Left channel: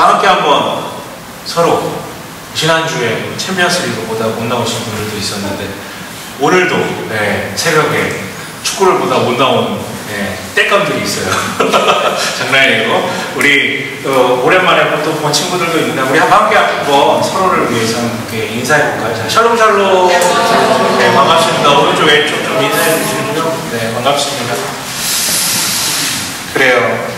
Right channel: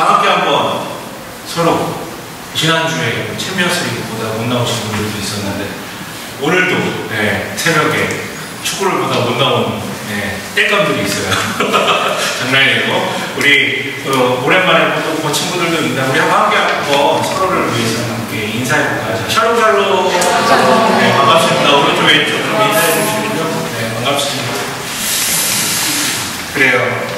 함께 한번 서로 지난주에 챔피언스 리그보다 못 나오신 분들도 있었는데 오늘도 새벽에 축구를 보다 못 나온 땔감들이 있어요. 장난이고 우리 오랜만에 또 본 친구들도 있는데 우리 함께 한번 서로를 위해서 이렇게 인사해볼까요? 자, 샬롬. 네, 반갑습니다. 오른쪽 왼쪽 좀 인사해 주시고요. 네, 반갑습니다. 그래요.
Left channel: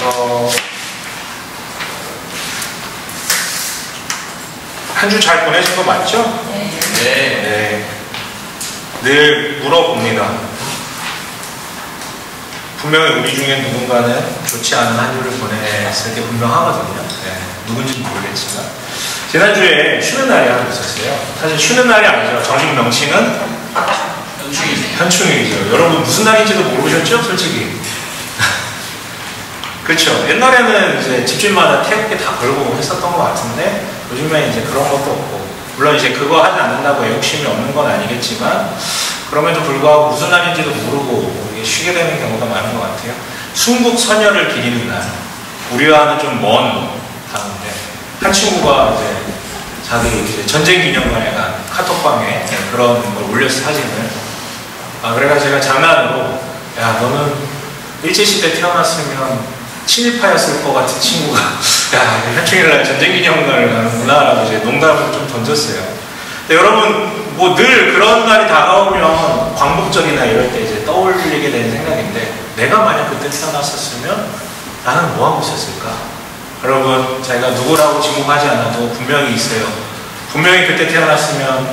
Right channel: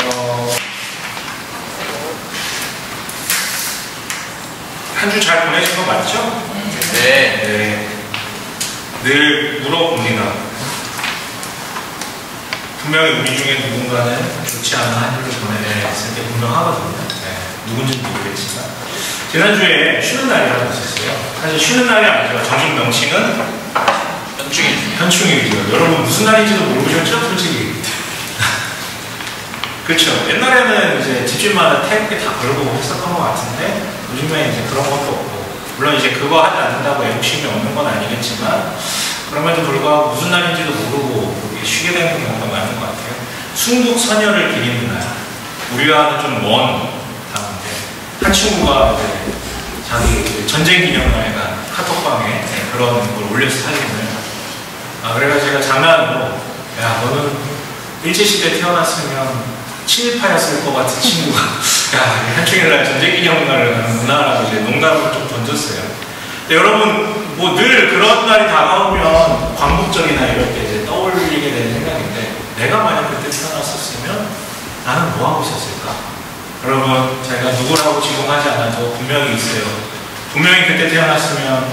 한 주 잘 보내신 거 맞죠? 네. 늘 물어봅니다. 분명히 우리 중에 누군가는 좋지 않은 한 주를 보냈을 게 분명하거든요. 누군지는 모르겠지만. 지난주에 쉬는 날이 하나 있었어요. 사실 쉬는 날이 아니죠. 정식 명칭은 현충일이죠. 여러분 무슨 날인지도 모르셨죠? 솔직히. 그렇죠. 옛날에는 이제 집집마다 태극기 다 걸고 했었던 것 같은데 요즘에 이제 그런 것도 없고, 물론 이제 그거 하지 않는다고 애국심이 없는 건 아니겠지만 그럼에도 불구하고 무슨 날인지도 모르고 쉬게 되는 경우가 많은 것 같아요. 순국 선열을 기리는 날. 우리와는 좀 먼 단어인데 한 친구가 이제 자기 전쟁 기념관에 간 카톡방에 그런 걸 올렸어, 사진을. 그래가지고 제가 장난으로 야, 너는 일제시대 태어났으면 친일파였을 것 같은 친구가 야, 현충일날 전쟁기념관을 가는구나 라고 이제 농담을 좀 던졌어요. 근데 여러분 뭐 늘 그런 날이 다가오면 광복절이나 이럴 때 이제 떠올리게 되는 생각인데, 내가 만약 그때 태어났었으면 나는 뭐 하고 있었을까? 여러분, 제가 누구라고 지목하지 않아도 분명히 있어요. 분명히 그때 태어났으면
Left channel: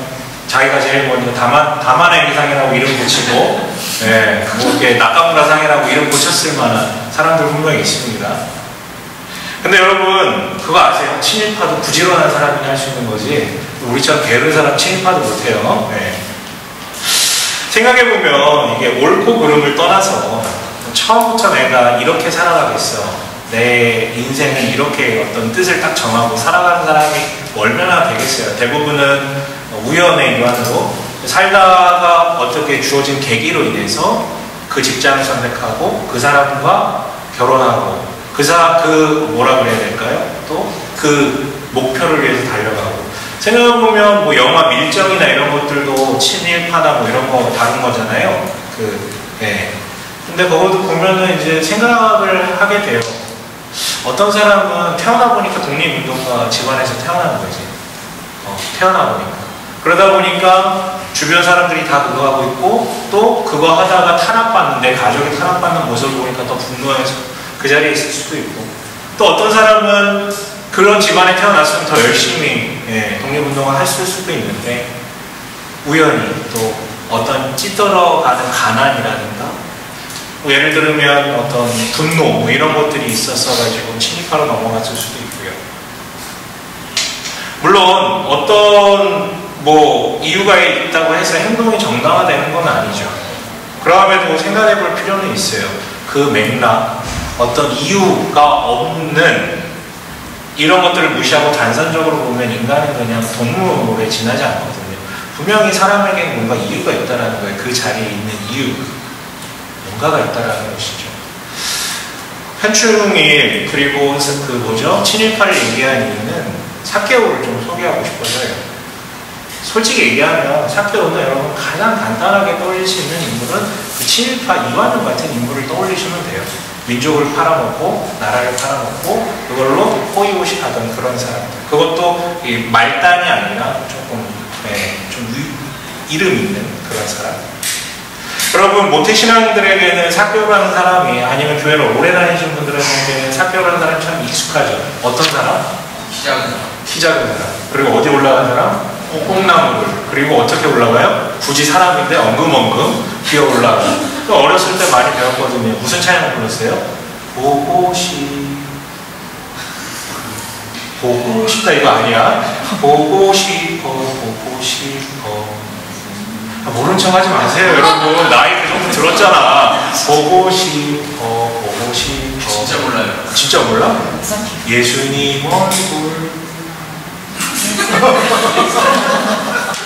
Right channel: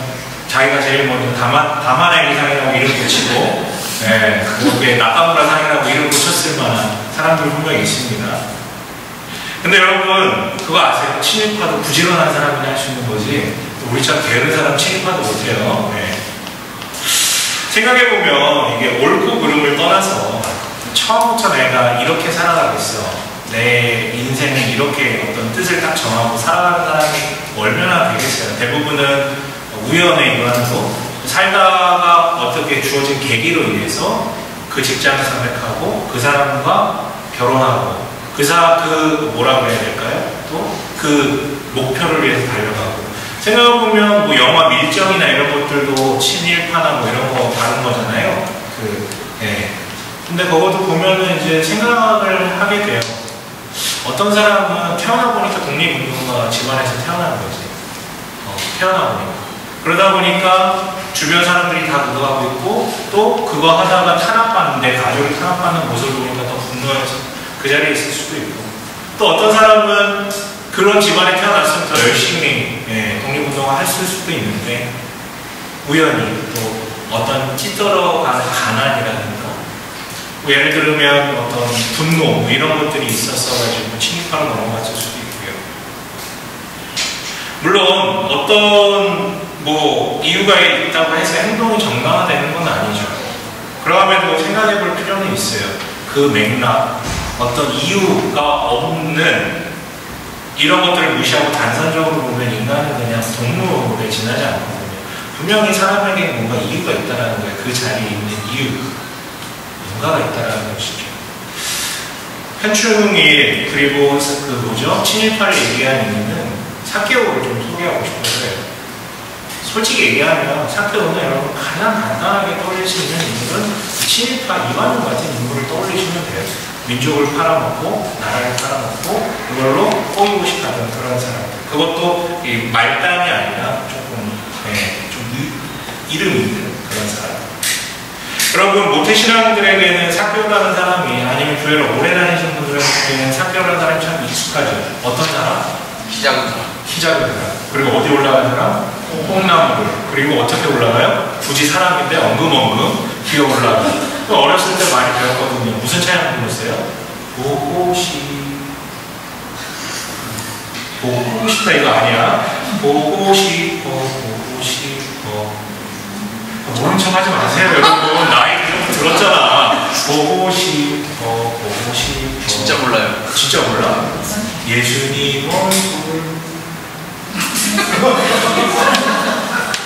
자기가 제일 먼저 다만의 의상이라고 이름 붙이고 뭐 이렇게 낙가무라상이라고 이름 붙였을 만한 사람들 분명히 있습니다. 근데 여러분 그거 아세요? 친일파도 부지런한 사람이 할 수 있는 거지 우리처럼 게으른 사람 친일파도 못해요. 생각해보면 이게 옳고 그름을 떠나서 처음부터 내가 이렇게 살아가겠어, 내 인생은 이렇게 어떤 뜻을 딱 정하고 살아가는 사람이 얼마나 되겠어요. 대부분은 우연의 일환으로 살다가 어떻게 주어진 계기로 인해서 그 직장을 선택하고 그 사람과 결혼하고 뭐라 그래야 될까요? 또 그 목표를 위해서 달려가고. 생각해보면 뭐 영화 밀정이나 이런 것들도 친일파나 뭐 이런 거 다룬 거잖아요. 근데 그것도 보면은 이제 생각을 하게 돼요. 어떤 사람은 태어나 보니까 독립운동가 집안에서 태어난 거지. 태어나 보니까. 그러다 보니까 주변 사람들이 다 그거 하고 있고 또 그거 하다가 탄압받는데 가족이 탄압받는 모습을 보니까 또 분노해서 그 자리에 있을 수도 있고, 또 어떤 사람은 그런 집안에 태어났으면 더 열심히 독립운동을 했을 수도 있는데 우연히 또 어떤 찌들어가는 가난이라든가 예를 들면 어떤 분노 뭐 이런 것들이 있었어가지고 친일파로 넘어갔을 수도 있고요. 물론 어떤 뭐 이유가 있다고 해서 행동이 정당화되는 건 아니죠. 그럼에도 생각해 볼 필요는 있어요. 그 맥락, 어떤 이유가 없는 이런 것들을 무시하고 단선적으로 보면 인간은 그냥 동물에 지나지 않거든요. 분명히 사람에게 뭔가 이유가 있다라는 거예요. 그 자리에 있는 이유, 뭔가가 있다라는 것이죠. 현충일 그리고 친일파를 얘기한 이유는 사케오를 좀 소개하고 싶어서요. 솔직히 얘기하면 사케오는 여러분 가장 간단하게 떠올릴 수 있는 인물은 그 친일파 이완용 같은 인물을 떠올리시면 돼요. 민족을 팔아먹고 나라를 팔아먹고 그걸로 호의호식하던 그런 사람들. 그것도 말단이 아니라 조금 좀 이름 있는 그런 사람. 여러분 모태신앙들에게는 사케오라는 사람이, 아니면 교회를 오래 다니신 분들에게는 사케오라는 사람이 참 익숙하죠. 어떤 사람? 키 작은 사람. 그리고 어디 올라간 사람? 뽕나무를. 그리고 어떻게 올라가요? 굳이 사람인데 엉금엉금 기어 올라가. 어렸을 때 많이 배웠거든요. 무슨 찬양 불렀어요? 보고 싶다 이거 아니야? 보고 싶어. 모른 척 하지 마세요 여러분. 나이 그 정도 들었잖아. 보고 싶어. 진짜 몰라요. 진짜 몰라? 예수님 얼굴.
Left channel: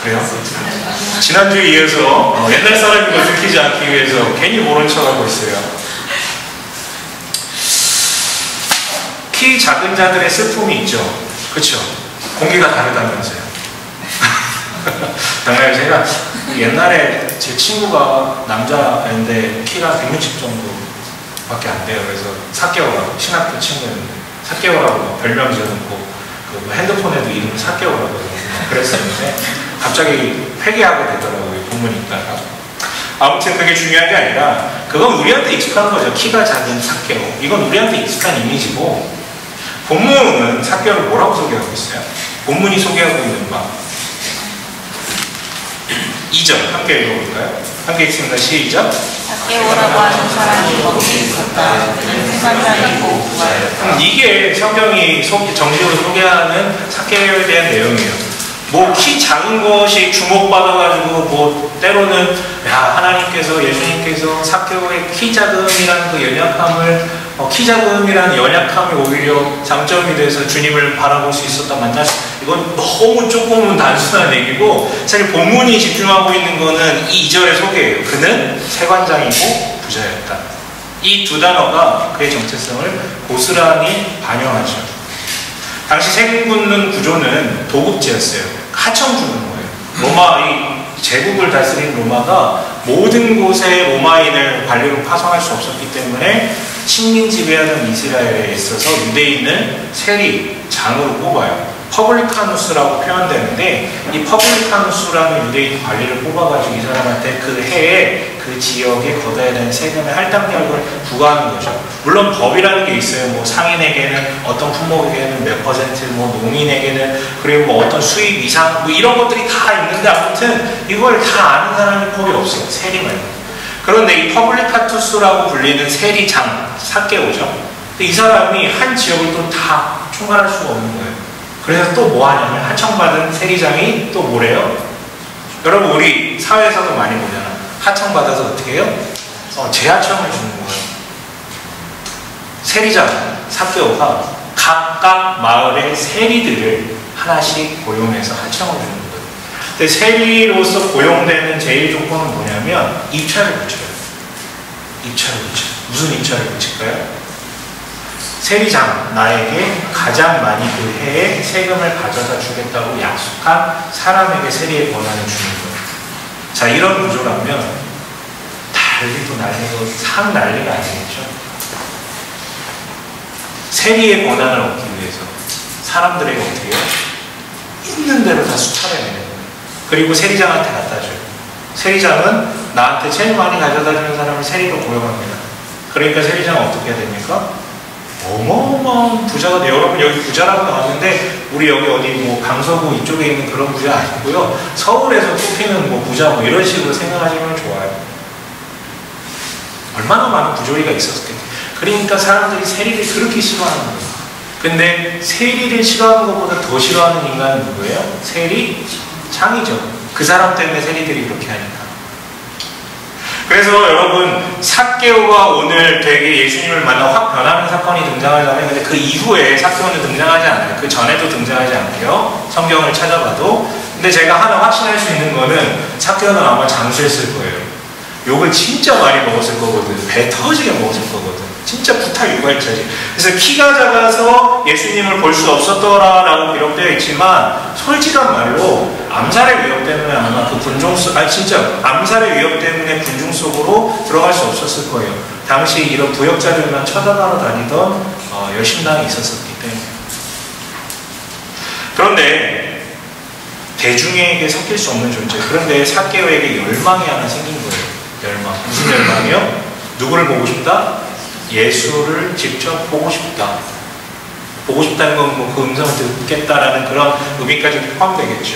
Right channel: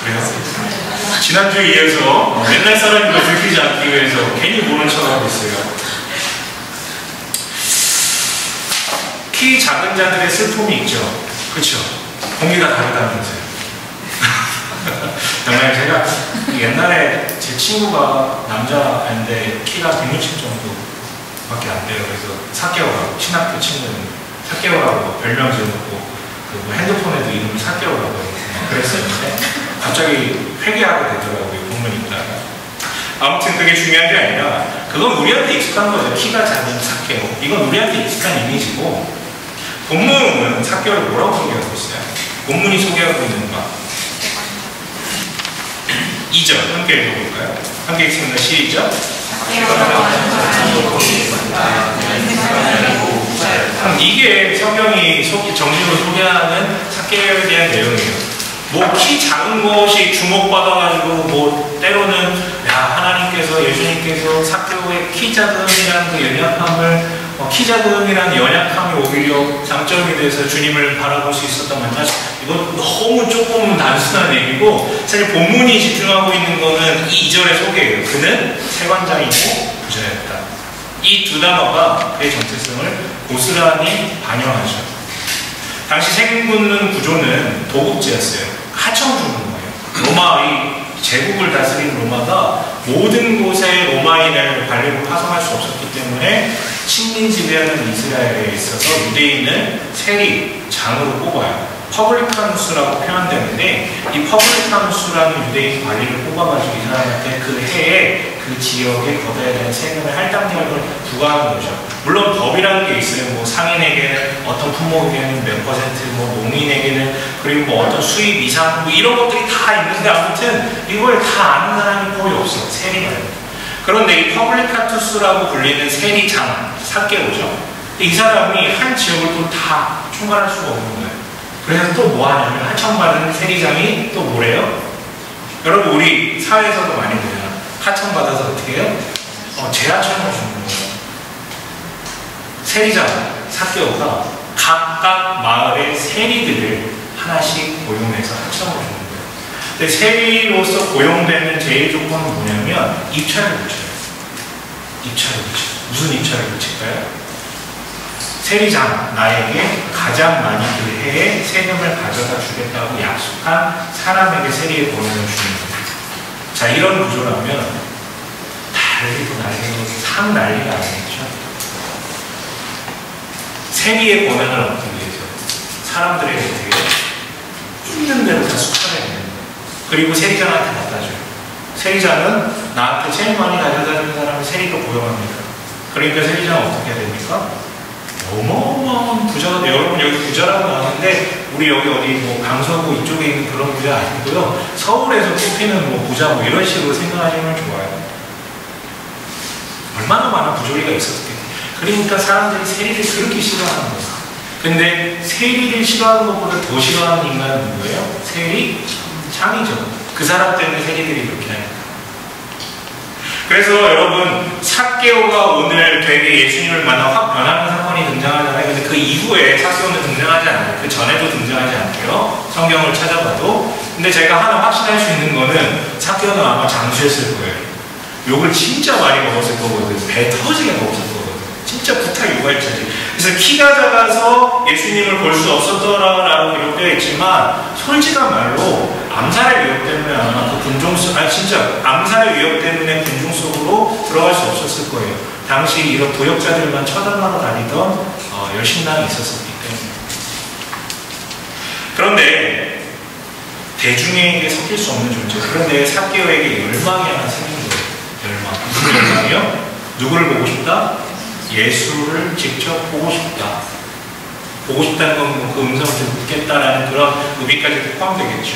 그래요? 지난주에 이어서 옛날 사람인 걸 들키지 않기 위해서 괜히 모른 척하고 있어요. 키 작은 자들의 슬픔이 있죠. 그렇죠? 공기가 다르다면서요. 정말 제가 옛날에 제 친구가 남자인데 키가 160 정도밖에 안 돼요. 그래서 사케오라고, 신학교 친구였는데 사케오라고 별명 지어놓고 그 핸드폰에도 이름을 사케오라고 해서 그랬었는데 갑자기 회개하게 되더라고요. 본문 읽다가. 아무튼 그게 중요한 게 아니라 그건 우리한테 익숙한 거죠. 키가 작은 사케오. 이건 우리한테 익숙한 이미지고, 본문은 사케오를 뭐라고 소개하고 있어요? 본문이 소개하고 있는 바 2절 함께 읽어볼까요? 함께 읽습니다. 시작. 이게 성경이 정식으로 소개하는 사케오에 대한 내용이에요. 뭐 키 작은 것이 주목받아가지고 뭐 때로는 하나님께서, 예수님께서 사케오의 키 작음이라는 그 연약함을 키 작음이라는 연약함이 오히려 장점이 돼서 주님을 바라볼 수 있었다 만나, 이건 너무 조금 단순한 얘기고, 사실 본문이 집중하고 있는 거는 이 2절의 소개예요. 그는 세관장이고 부자였다. 이 두 단어가 그의 정체성을 고스란히 반영하죠. 당시 세금 굽는 구조는 도급제였어요. 하청 주는 거예요. 로마, 이 제국을 다스린 로마가 모든 곳에 로마인을 관리로 파송할 수 없었기 때문에 식민 지배하는 이스라엘에 있어서 유대인을 세리, 장으로 뽑아요. 퍼블리카누스라고 표현되는데, 이 퍼블리카누스라는 유대인 관리를 뽑아가지고 이 사람한테 그 해에 그 지역에 걷어야 되는 세금의 할당량을 부과하는 거죠. 물론 법이라는 게 있어요. 뭐 상인에게는 어떤 품목에게는 몇 %, 뭐 농민에게는, 그리고 뭐 어떤 수입 이상, 뭐 이런 것들이 다 있는데, 아무튼 이걸 다 아는 사람이 거의 없어요. 세리 말고. 그런데 이 퍼블리카투스라고 불리는 세리장, 사케오죠. 이 사람이 한 지역을 또 다 총괄할 수가 없는 거예요. 그래서 또 뭐 하냐면, 하청받은 세리장이 또 뭐래요? 여러분, 우리 사회에서도 많이 보잖아. 하청받아서 어떻게 해요? 재하청을 주는 거예요. 세리장, 사케오가 각각 마을의 세리들을 하나씩 고용해서 하청을 주는 거예요. 근데 세리로서 고용되는 제일 조건은 뭐냐면, 입찰을 붙여요. 입찰을 붙여요. 무슨 입찰을 붙일까요? 세리장, 나에게 가장 많이 그 해에 세금을 가져다 주겠다고 약속한 사람에게 세리의 권한을 주는 거예요. 자, 이런 구조라면 난리도 난리도 상 난리가 아니겠죠. 세리의 권한을 얻기 위해서 사람들에게 어떻게 해요? 있는 대로 다 수차례내는 거예요. 그리고 세리장한테 갖다 줘요. 세리장은 나한테 제일 많이 가져다 주는 사람을 세리로 고용합니다. 그러니까 세리장은 어떻게 해야 됩니까? 어마어마한 부자가 돼요. 여러분, 여기 부자라고 나오는데 우리 여기 어디 뭐 강서구 이쪽에 있는 그런 부자 아니고요. 서울에서 뽑히는 뭐 부자 뭐 이런 식으로 생각하시면 좋아요. 얼마나 많은 부조리가 있었겠어요. 그러니까 사람들이 세리를 그렇게 싫어하는 거예요. 근데 세리를 싫어하는 것보다 더 싫어하는 인간은 누구예요? 세리장이죠. 그 사람 때문에 세리들이 그렇게 하니까. 그래서 여러분, 사케오가 오늘 되게 예수님을 만나 확 변하는 사건이 등장하잖아요. 근데 그 이후에 사케오는 등장하지 않아요. 그 전에도 등장하지 않고요. 성경을 찾아봐도. 근데 제가 하나 확신할 수 있는 거는 사케오는 아마 장수했을 거예요. 욕을 진짜 많이 먹었을 거거든. 배 터지게 먹었을 거거든. 진짜 부탁 유발자지. 그래서 키가 작아서 예수님을 볼 수 없었더라라고 기록되어 있지만, 솔직한 말로 암살의 위협 때문에 아마 그 군중 속, 진짜 암살의 위협 때문에 군중 속으로 들어갈 수 없었을 거예요. 당시 이런 부역자들만 쳐다보러 다니던 여신당이 있었었기 때문에. 그런데 대중에게 섞일 수 없는 존재. 그런데 사케오에게 열망이 하나 생긴 거예요. 열망. 무슨 열망이요? 누구를 보고 싶다? 예수를 직접 보고 싶다. 보고 싶다는 건 뭐 그 음성을 듣겠다라는 그런 의미까지 포함되겠죠.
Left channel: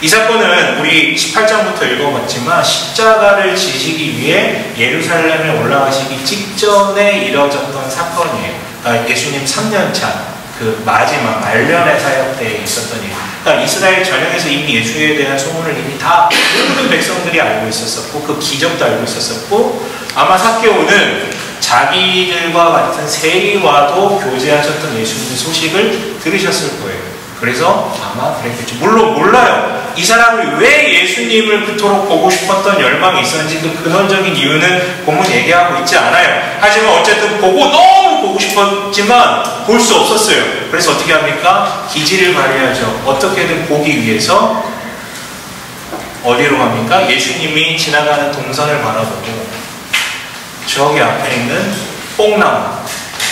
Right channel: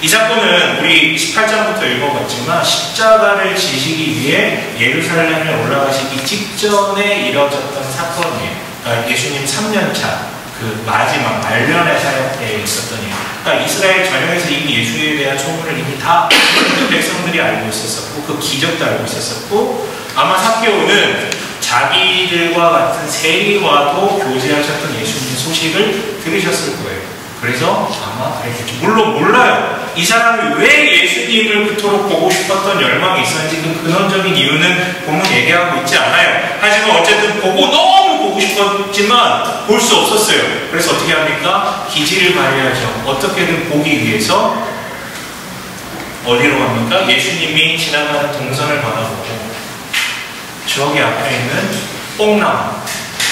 이 사건은 우리 18장부터 읽어봤지만 십자가를 지시기 위해 예루살렘에 올라가시기 직전에 이뤄졌던 사건이에요. 그러니까 예수님 3년차 그 마지막 말년의 사역 때에 있었던 일. 그러니까 이스라엘 전역에서 이미 예수에 대한 소문을 이미 다 모든 백성들이 알고 있었었고, 그 기적도 알고 있었었고, 아마 사케오는 자기들과 같은 세리와도 교제하셨던 예수님 소식을 들으셨을 거예요. 그래서 아마 그랬겠죠. 물론 몰라요. 이 사람이 왜 예수님을 그토록 보고 싶었던 열망이 있었는지 그 근원적인 이유는 본문 얘기하고 있지 않아요. 하지만 어쨌든 보고 너무 보고 싶었지만 볼 수 없었어요. 그래서 어떻게 합니까? 기지를 발휘하죠. 어떻게든 보기 위해서 어디로 갑니까? 예수님이 지나가는 동선을 바라보고 저기 앞에 있는 뽕나무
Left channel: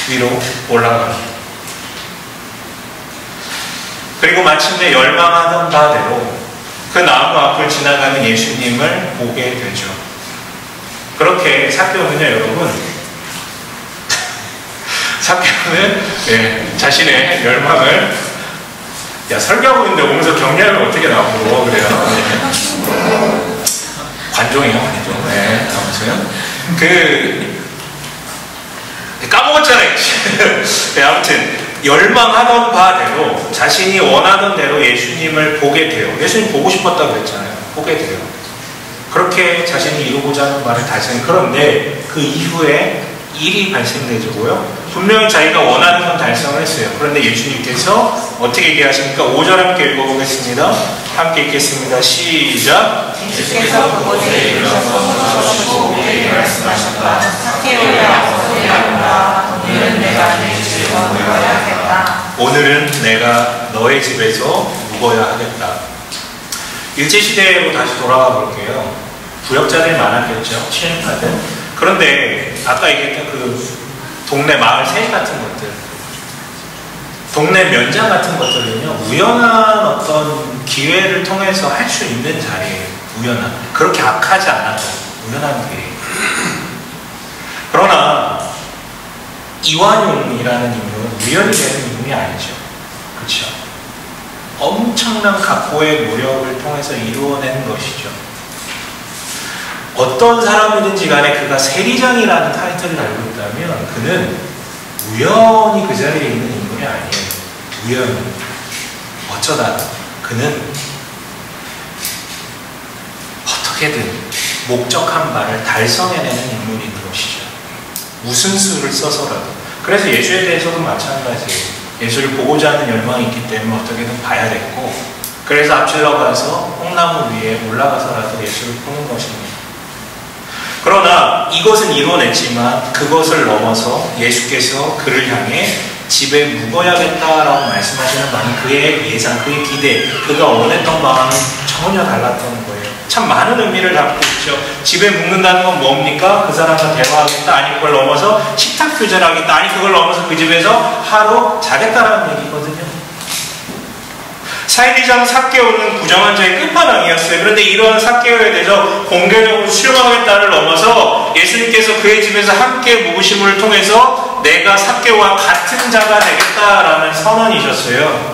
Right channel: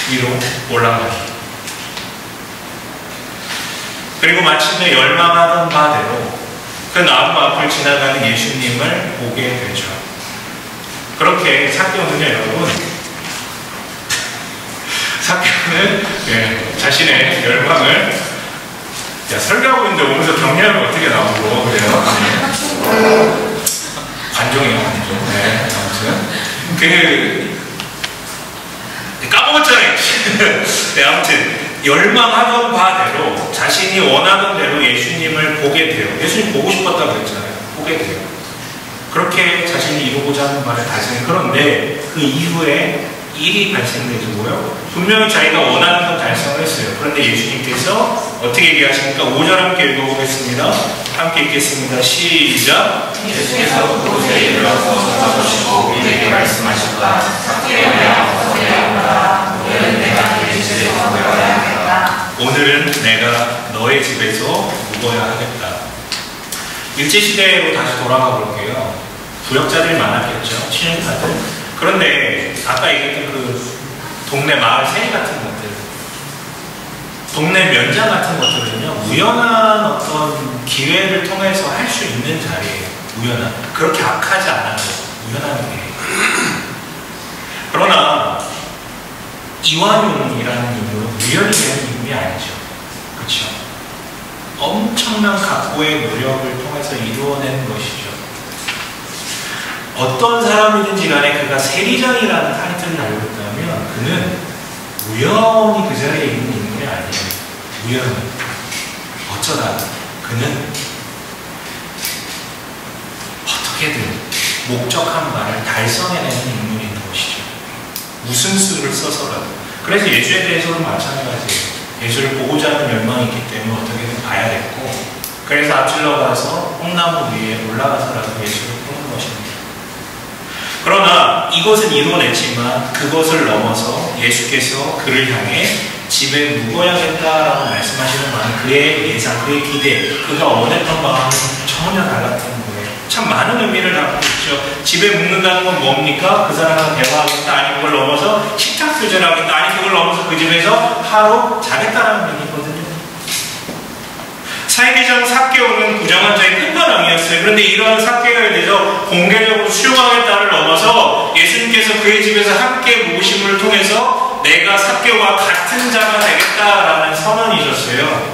위로 올라갑니다. 그리고 마침내 열망하던 바대로 그 나무 앞을 지나가는 예수님을 보게 되죠. 그렇게 삭개오는요, 여러분, 삭개오는 자신의 열망을 설교하고 있는데 오면서 격려하면 어떻게 나오고 그래요. 관종이요, 관종. 아무튼 까먹었잖아요. 아무튼 열망하던 바대로 자신이 원하던 대로 예수님을 보게 돼요. 예수님 보고 싶었다고 했잖아요. 보게 돼요. 그렇게 자신이 이루고자 하는 바를 달성해요. 그런데 그 이후에 일이 발생되죠. 뭐요? 분명히 자기가 원하는 건 달성을 했어요. 그런데 예수님께서 어떻게 얘기하십니까? 5절 함께 읽어보겠습니다. 함께 읽겠습니다. 시작. 예수께서 그곳에 이르러서 우리에게 말씀하셨다. 오늘은 내가 너의 집에서 묵어야 하겠다. 일제시대로 다시 돌아가 볼게요. 부역자들이 많았겠죠. 친일파들. 그런데 아까 얘기했던 그 동네 마을 세리 같은 것들, 동네 면장 같은 것들은요, 우연한 어떤 기회를 통해서 할 수 있는 자리예요. 우연한. 그렇게 악하지 않아요. 우연한 기회. 그러나 이완용이라는 인물은 우연히 되는 인물이 아니죠. 그렇죠? 엄청난 각고의 노력을 통해서 이루어낸 것이죠. 어떤 사람이든지 간에 그가 세리장이라는 타이틀을 달고 있다면 그는 우연히 그 자리에 있는 인물이 아니에요. 우연히. 어쩌다 그는 어떻게든 목적한 바를 달성해내는 인물인 것이죠. 무슨 수를 써서라도. 그래서 예수에 대해서도 마찬가지예요. 예수를 보고자 하는 열망이 있기 때문에 어떻게든 봐야 됐고, 그래서 앞질러 가서 뽕나무 위에 올라가서라도 예수를 보는 것입니다. 그러나 이것은 이뤄냈지만 그것을 넘어서 예수께서 그를 향해 집에 묵어야겠다라고 말씀하시는 바는 그의 예상, 그의 기대, 그가 원했던 바와는 전혀 달랐던 거예요. 참 많은 의미를 담고 있죠. 집에 묵는다는 건 뭡니까? 그 사람과 대화하겠다. 아니 그걸 넘어서 식탁 교제하겠다. 아니 그걸 넘어서 그 집에서 하루 자겠다라는 얘기거든요. 사이비장 삭개오는 부정한 자의 끝판왕이었어요. 그런데 이러한 삭개오에 대해서 공개적으로 수용하겠다를 넘어서 예수님께서 그의 집에서 함께 묵으심을 통해서 내가 삭개오와 같은 자가 되겠다라는 선언이셨어요.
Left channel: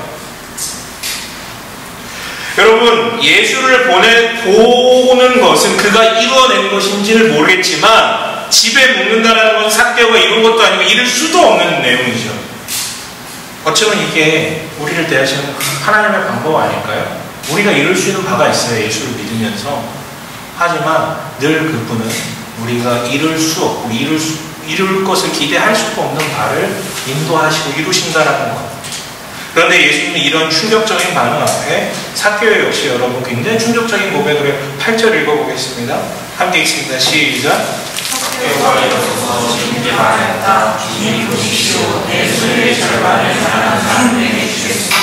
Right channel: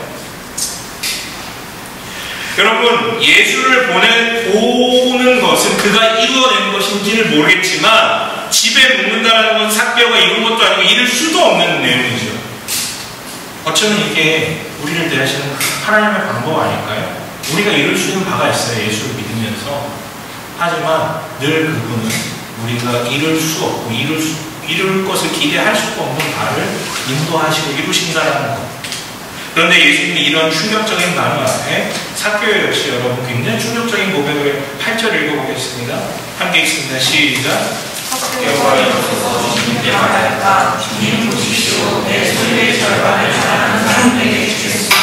여러분, 예수를 보는 것은 그가 이루어낸 것인지를 모르겠지만 집에 묵는다는 건 삭개오가 이룬 것도 아니고 이룰 수도 없는 내용이죠. 어쩌면 이게 우리를 대하시는 하나님의 방법 아닐까요? 우리가 이룰 수 있는 바가 있어요. 예수를 믿으면서. 하지만 늘 그분은 우리가 이룰 수 없고 이룰 것을 기대할 수가 없는 바를 인도하시고 이루신다라는 것. 그런데 예수님이 이런 충격적인 반응 앞에 삭개오 역시 여러분 굉장히 충격적인 고백을 해요. 8절 읽어보겠습니다. 함께 읽습니다. 시작. 삭개오가 일어서서 주님께 말하였다. 주님 보십시오. 내 소유의 절반을 다른 사람에게 주겠습니다.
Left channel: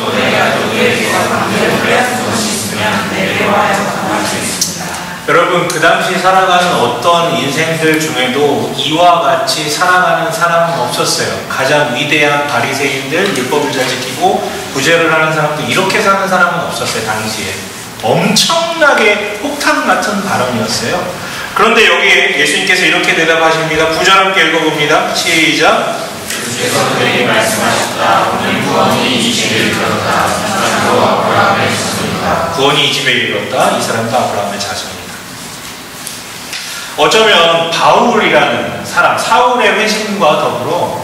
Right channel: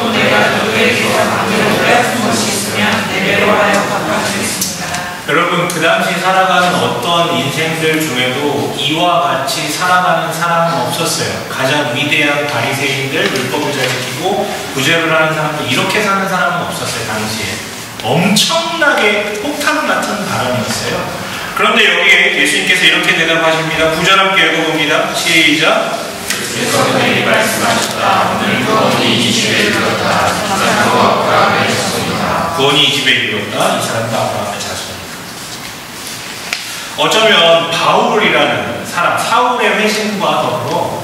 또 내가 너에게서 반대로 빼앗은 것이 있으면 내게로 하여 반환하겠습니다. 여러분, 그 당시 살아가는 어떤 인생들 중에도 이와 같이 살아가는 사람은 없었어요. 가장 위대한 바리새인들, 율법을 잘 지키고 구제를 하는 사람들, 이렇게 사는 사람은 없었어요. 당시에 엄청나게 폭탄 같은 바람이었어요. 그런데 여기에 예수님께서 이렇게 대답하십니다. 9절 함께 읽어봅니다. 시작. 주께서 내게 말씀하셨다. 오늘 구원이 이 집에 이르렀다. 이 사람도 아브라함의 자손이다. 구원이 이 집에 이르렀다. 이 사람도 아브라함의 자손이다. 어쩌면 바울이라는 사람, 사울의 회심과 더불어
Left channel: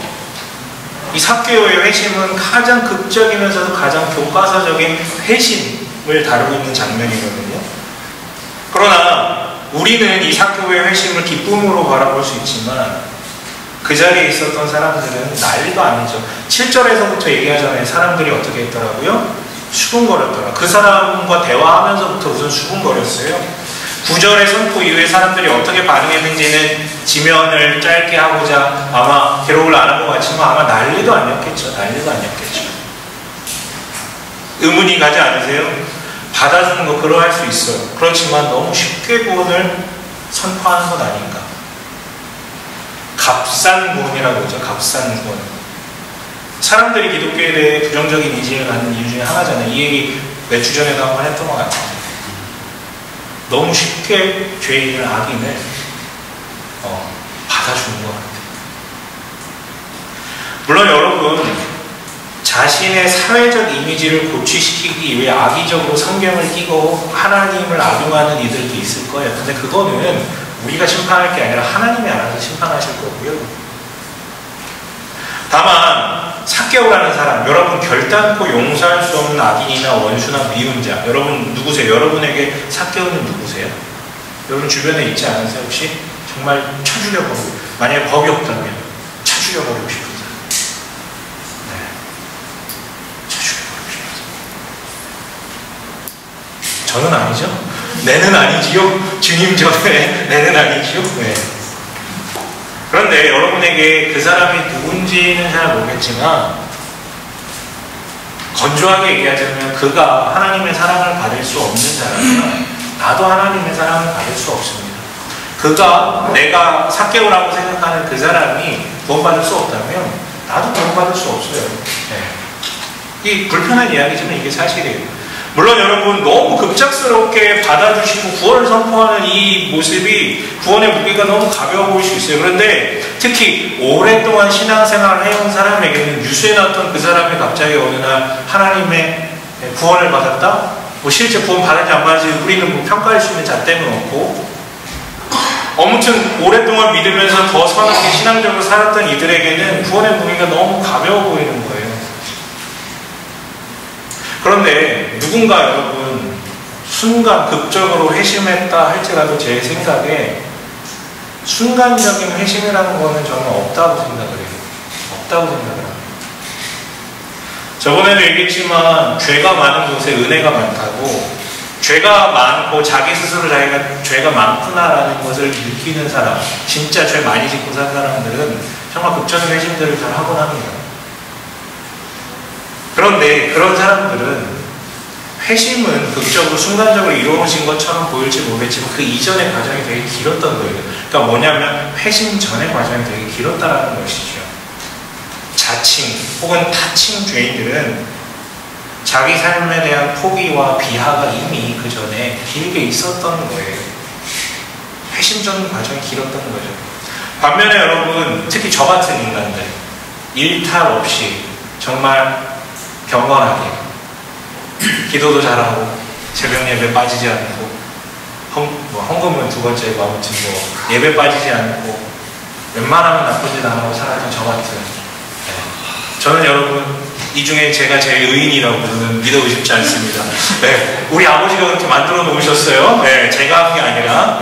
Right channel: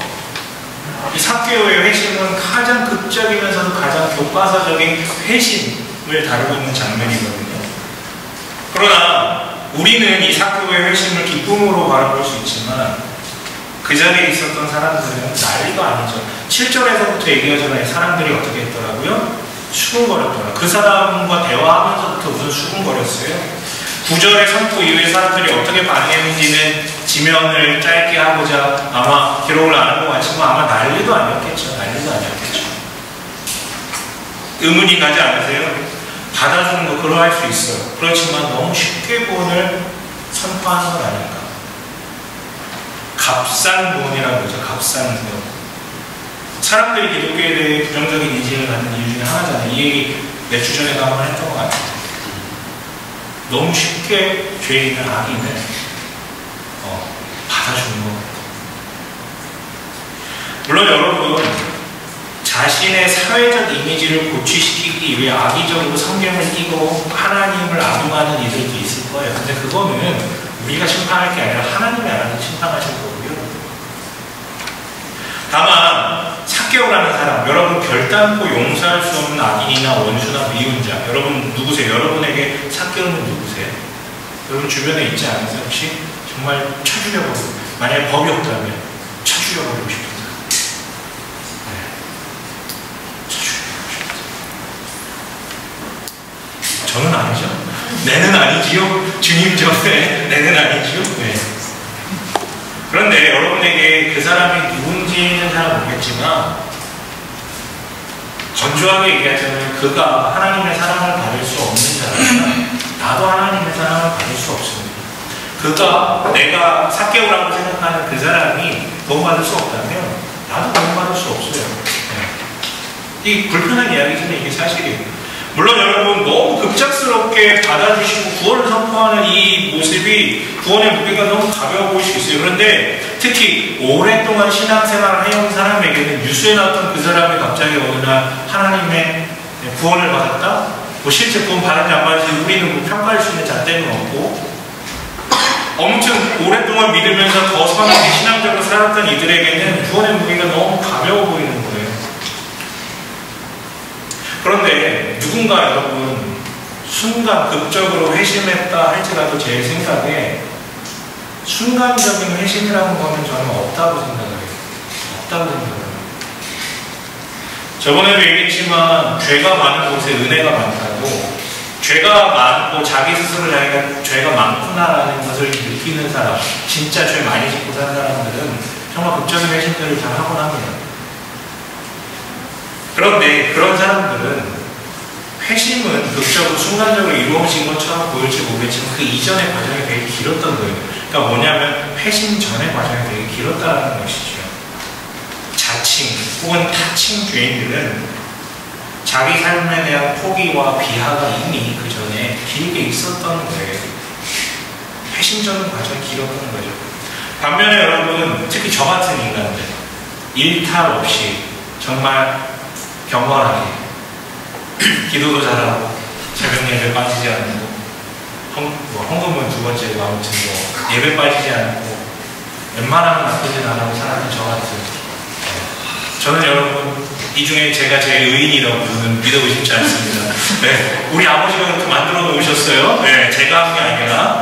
이 삭개오의 회심은 가장 극적이면서도 가장 교과서적인 회심을 다루고 있는 장면이거든요. 그러나 우리는 이 삭개오의 회심을 기쁨으로 바라볼 수 있지만 그 자리에 있었던 사람들은 난리도 아니죠. 7절에서부터 얘기하잖아요. 사람들이 어떻게 했더라고요? 수군거렸더라. 그 사람과 대화하면서부터 우선 수군거렸어요. 구절의 선포 이후에 사람들이 어떻게 반응했는지는 지면을 짧게 하고자 아마 기록을 안 한 것 같지만 아마 난리도 아니었겠죠. 난리도 아니었겠죠. 의문이 가지 않으세요? 받아주는 거 그러할 수 있어요. 그렇지만 너무 쉽게 구원을 선포하는 건 아닌가. 값싼 구원이라고 그러죠. 값싼 구원. 사람들이 기독교에 대해 부정적인 인식을 갖는 이유 중에 하나잖아요. 이 얘기 몇 주 전에도 한번 했던 것 같아요. 너무 쉽게 죄인을 악인을 받아주는 것 같아요. 물론 여러분 자신의 사회적 이미지를 고취시키기 위해 악의적으로 성경을 띄고 하나님을 악용하는 이들도 있을 거예요. 근데 그거는 우리가 심판할 게 아니라 하나님이 알아서 심판하실 거고요. 다만 삭개오라는 사람, 여러분 결단코 용서할 수 없는 악인이나 원수나 미운 자, 여러분 누구세요? 여러분에게 삭개오는 누구세요? 여러분 주변에 있지 않으세요? 혹시 정말 쳐 죽여버리고, 만약에 법이 없다면 쳐 죽여버리고 싶은 사람. 네. 쳐 죽여버리고 싶은 사람. 저는 아니죠. 내는 아니지요. 주님 전에 내는 아니지요. 네. 그런데 여러분에게 그 사람이 누군지는 잘 모르겠지만 건조하게 얘기하자면 그가 하나님의 사랑을 받을 수 없는 자라면 나도 하나님의 사랑을 받을 수 없습니다. 그가 내가 삭개오라고 생각하는 그 사람이 구원받을 수 없다면 나도 구원받을 수 없어요. 네. 이 불편한 이야기지만 이게 사실이에요. 물론 여러분 너무 급작스럽게 받아주시고 구원을 선포하는 이 모습이 구원의 무게가 너무 가벼워 보일 수 있어요. 그런데 특히 오랫동안 신앙생활을 해온 사람에게는 뉴스에 나왔던 그 사람이 갑자기 어느 날 하나님의 구원을 받았다? 뭐 실제 구원 받았지 안 받았지 우리는 뭐 평가할 수 있는 잣대는 없고 아무튼 오랫동안 믿으면서 더 선하게 신앙적으로 살았던 이들에게는 구원의 무게가 너무 가벼워 보이는 거예요. 그런데 누군가 여러분 순간 극적으로 회심했다 할지라도 제 생각에 순간적인 회심이라는 거는 저는 없다고 생각을 해요. 없다고 생각을 합니다. 저번에도 얘기했지만 죄가 많은 곳에 은혜가 많다고, 죄가 많고 자기 스스로 자기가 죄가 많구나라는 것을 느끼는 사람, 진짜 죄 많이 짓고 산 사람들은 정말 극적인 회심들을 잘 하곤 합니다. 그런데 그런 사람들은 회심은 극적으로 순간적으로 이루어진 것처럼 보일지 모르겠지만 그 이전의 과정이 되게 길었던 거예요. 그러니까 뭐냐면 회심 전의 과정이 되게 길었다는 것이죠. 자칭 혹은 타칭 죄인들은 자기 삶에 대한 포기와 비하가 이미 그 전에 길게 있었던 거예요. 회심 전 과정이 길었던 거죠. 반면에 여러분 특히 저 같은 인간들 일탈 없이 정말 경건하게 기도도 잘하고 새벽 예배 빠지지 않고 헌금은 두 번째고 아무튼 뭐 예배 빠지지 않고 웬만하면 나쁘진 안 하고 살았던 저 같은 저는 여러분 이 중에 제가 제일 의인이라고 저는 믿어 의심치 않습니다. 네, 우리 아버지가 그렇게 만들어 놓으셨어요. 네, 제가 한 게 아니라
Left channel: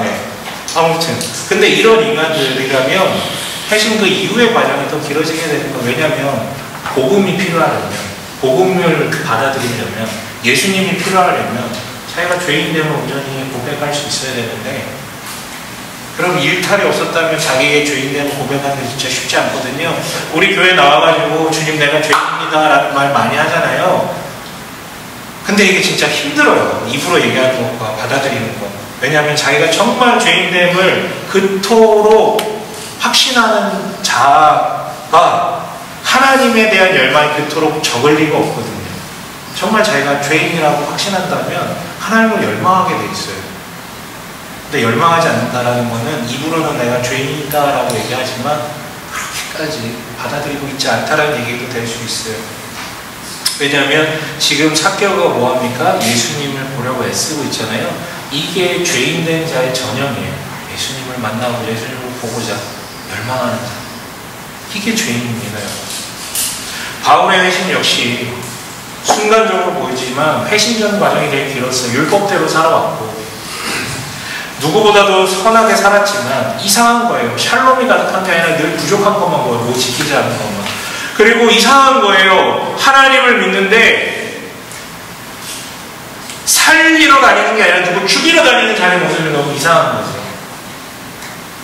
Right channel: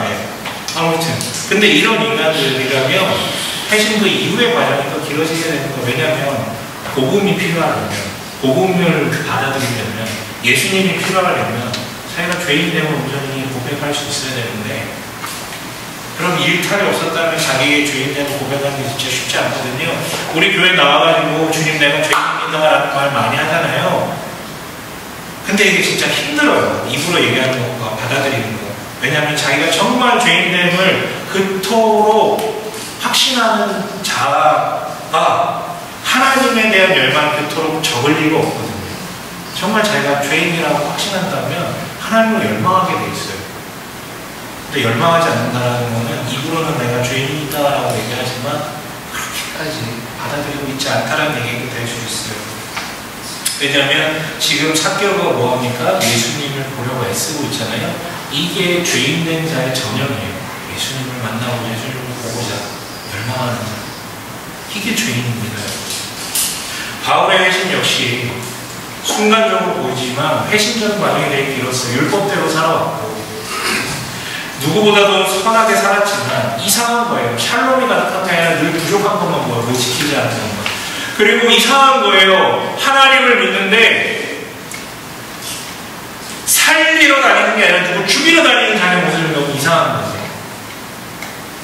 아무튼 근데 이런 인간들이라면 회심 그 이후의 과정이 더 길어지게 되는 거예요. 왜냐하면 복음이 필요하려면 복음을 받아들이려면 예수님이 필요하려면 자기가 죄인됨을 온전히 고백할 수 있어야 되는데 그럼 일탈이 없었다면 자기의 죄인됨을 고백하는 게 진짜 쉽지 않거든요. 우리 교회 나와가지고 주님 내가 죄인이다 라는 말 많이 하잖아요. 근데 이게 진짜 힘들어요. 입으로 얘기하는 것과 받아들이는 것. 왜냐하면 자기가 정말 죄인됨을 그토록 확신하는 자가 하나님에 대한 열망이 그토록 적을 리가 없거든요. 정말 자기가 죄인이라고 확신한다면 하나님을 열망하게 돼 있어요. 근데 열망하지 않는다라는 것은 입으로는 내가 죄인이다라고 얘기하지만 그렇게까지 받아들이고 있지 않다라는 얘기도 될 수 있어요. 왜냐하면 지금 삭개오가 뭐합니까? 예수님을 보려고 애쓰고 있잖아요. 이게 죄인된 자의 전형이에요. 예수님을 만나고 예수님을 보고자 열망하는 자. 이게 죄인입니다. 바울의 회심 역시 순간적으로 보이지만 회심 전 과정이 되게 길었어요. 율법대로 살아왔고 누구보다도 선하게 살았지만 이상한 거예요. 샬롬이 가득한 게 아니라 늘 부족한 것만 보여요. 뭐 지키지 않은 것만. 그리고 이상한 거예요. 하나님을 믿는데 살리러 다니는 게 아니라 누구 죽이러 다니는 자기 모습이 너무 이상한 거죠.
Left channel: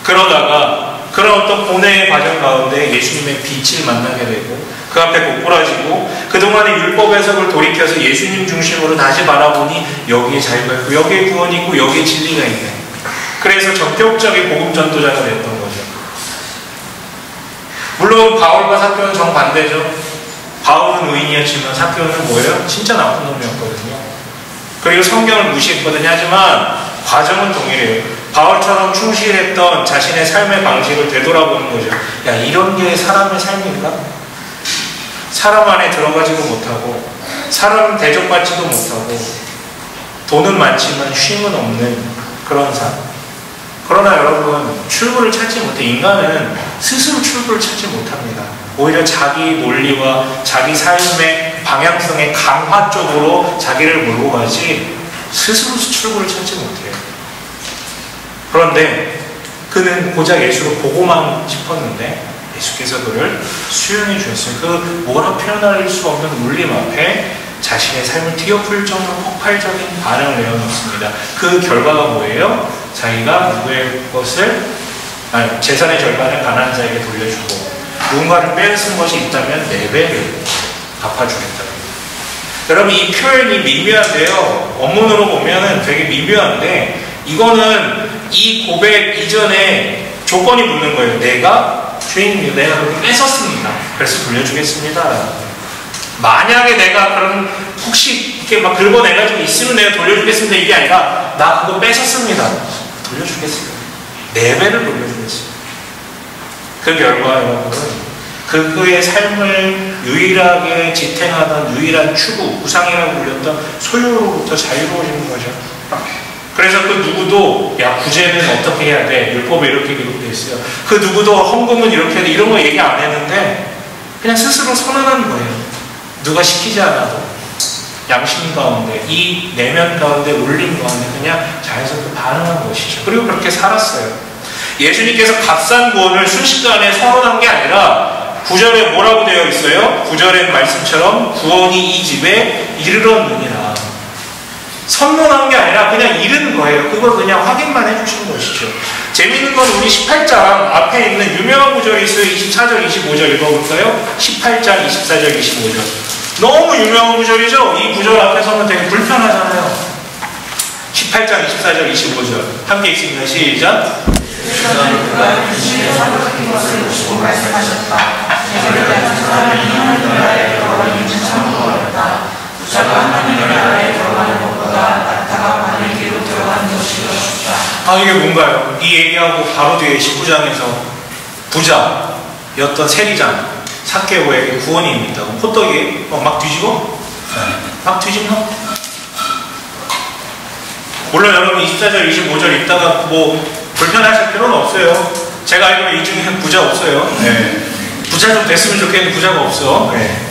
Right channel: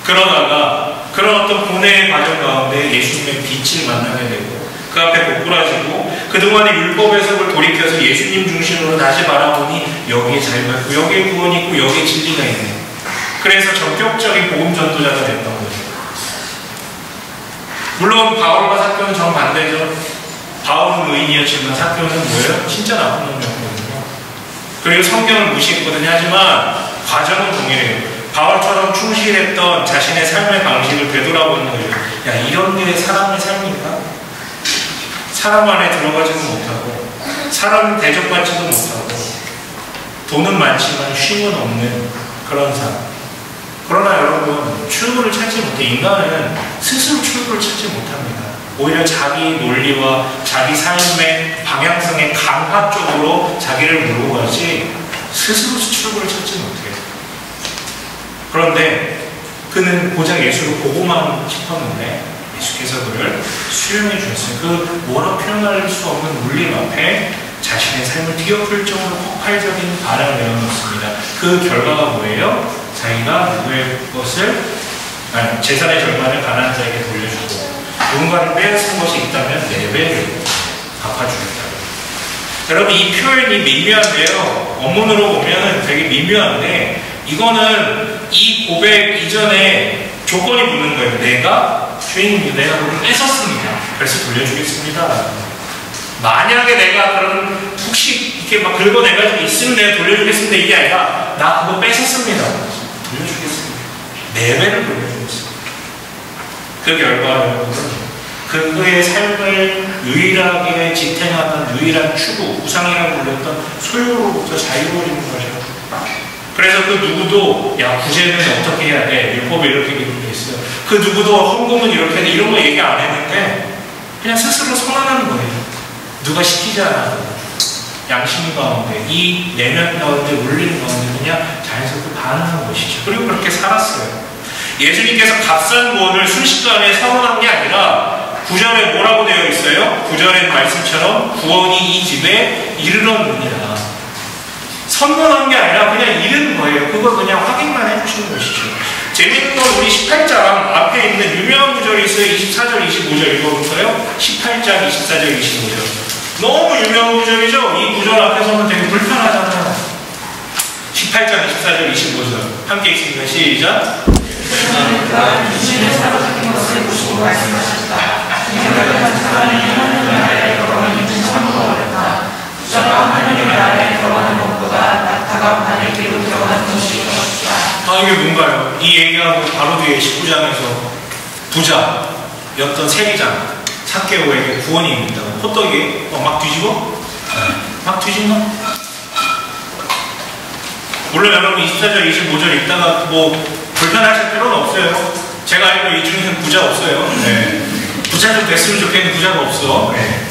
그러다가 그런 어떤 고뇌의 과정 가운데 예수님의 빛을 만나게 되고 그 앞에 고꾸라지고 그동안의 율법 해석을 돌이켜서 예수님 중심으로 다시 바라보니 여기에 자유가 있고 여기에 구원이 있고 여기에 진리가 있네. 그래서 전격적인 복음 전도자가 됐던 거죠. 물론 바울과 사도는 정반대죠. 바울은 의인이었지만 사도는 뭐예요? 진짜 나쁜 놈이었거든요. 그리고 성경을 무시했거든요. 하지만 과정은 동일해요. 바울처럼 충실했던 자신의 삶의 방식을 되돌아보는 거죠. 야, 이런 게 사람의 삶인가? 사람 안에 들어가지도 못하고 사람 대접받지도 못하고 돈은 많지만 쉼은 없는 그런 삶. 그러나 여러분, 출구를 찾지 못해. 인간은 스스로 출구를 찾지 못합니다. 오히려 자기 논리와 자기 삶의 방향성의 강화 쪽으로 자기를 몰고 가지 스스로 출구를 찾지 못해요. 그런데 그는 고작 예수를 보고만 싶었는데 예수께서 그를 수용해 주셨어요. 그 뭐라 표현할 수 없는 울림 앞에 자신의 삶을 뒤엎을 정도로 폭발적인 반응을 내어놓습니다. 그 결과가 뭐예요? 자기가 누구의 것을 재산의 절반을 가난한 자에게 돌려주고 누군가를 빼앗은 것이 있다면 4배를 갚아주겠다고. 여러분, 이 표현이 미묘한데요. 원문으로 보면은 되게 미묘한데 이거는 이 고백 이전에 조건이 붙는 거예요. 주인님, 내가 그렇게 뺏었습니다. 그래서 돌려주겠습니다. 만약에 내가 그런 혹시 이렇게 막 긁어내가지고 있으면 내가 돌려주겠습니다. 이게 아니라 나 그거 뺏었습니다. 돌려주겠습니다. 4배를 돌려주겠습니다. 그 결과 여러분은 그의 삶을 유일하게 지탱하던 유일한 추구, 우상이라고 불렸던 소유로부터 자유로워지는 거죠. 그래서 그 누구도 야, 구제는 어떻게 해야 돼? 율법에 이렇게 기록되어 있어요. 그 누구도 헌금은 이렇게 해야 돼. 이런 거 얘기 안 했는데 그냥 스스로 선언한 거예요. 누가 시키지 않아도 양심 가운데, 이 내면 가운데, 울림 가운데 그냥 자연스럽게 반응한 것이죠. 그리고 그렇게 살았어요. 예수님께서 값싼 구원을 순식간에 선언한 게 아니라 9절에 뭐라고 되어 있어요? 9절의 말씀처럼 구원이 이 집에 이르렀느니라. 선언한 게 아니라 그냥 이른 거예요. 그걸 그냥 확인만 해주시는 것이죠. 재미있는 건 우리 18장 앞에 있는 유명한 구절이 있어요. 24절, 25절 읽어볼까요? 18장, 24절, 25절. 너무 유명한 구절이죠? 이 구절 앞에서는 되게 불편하잖아요. 18장, 24절, 25절. 함께 읽습니다. 시작. 이게 뭔가요? 이 얘기하고 바로 뒤에 19장에서 부자였던 세리장 삭개오에게 구원이 임했다고. 호떡이 막 뒤집어? 막 뒤집나? 물론 여러분 24절, 25절 읽다가 뭐 불편하실 필요는 없어요. 제가 알기로 이 중에는 부자 없어요. 네. 부자 좀 됐으면 좋겠는데 부자가 없어. 네.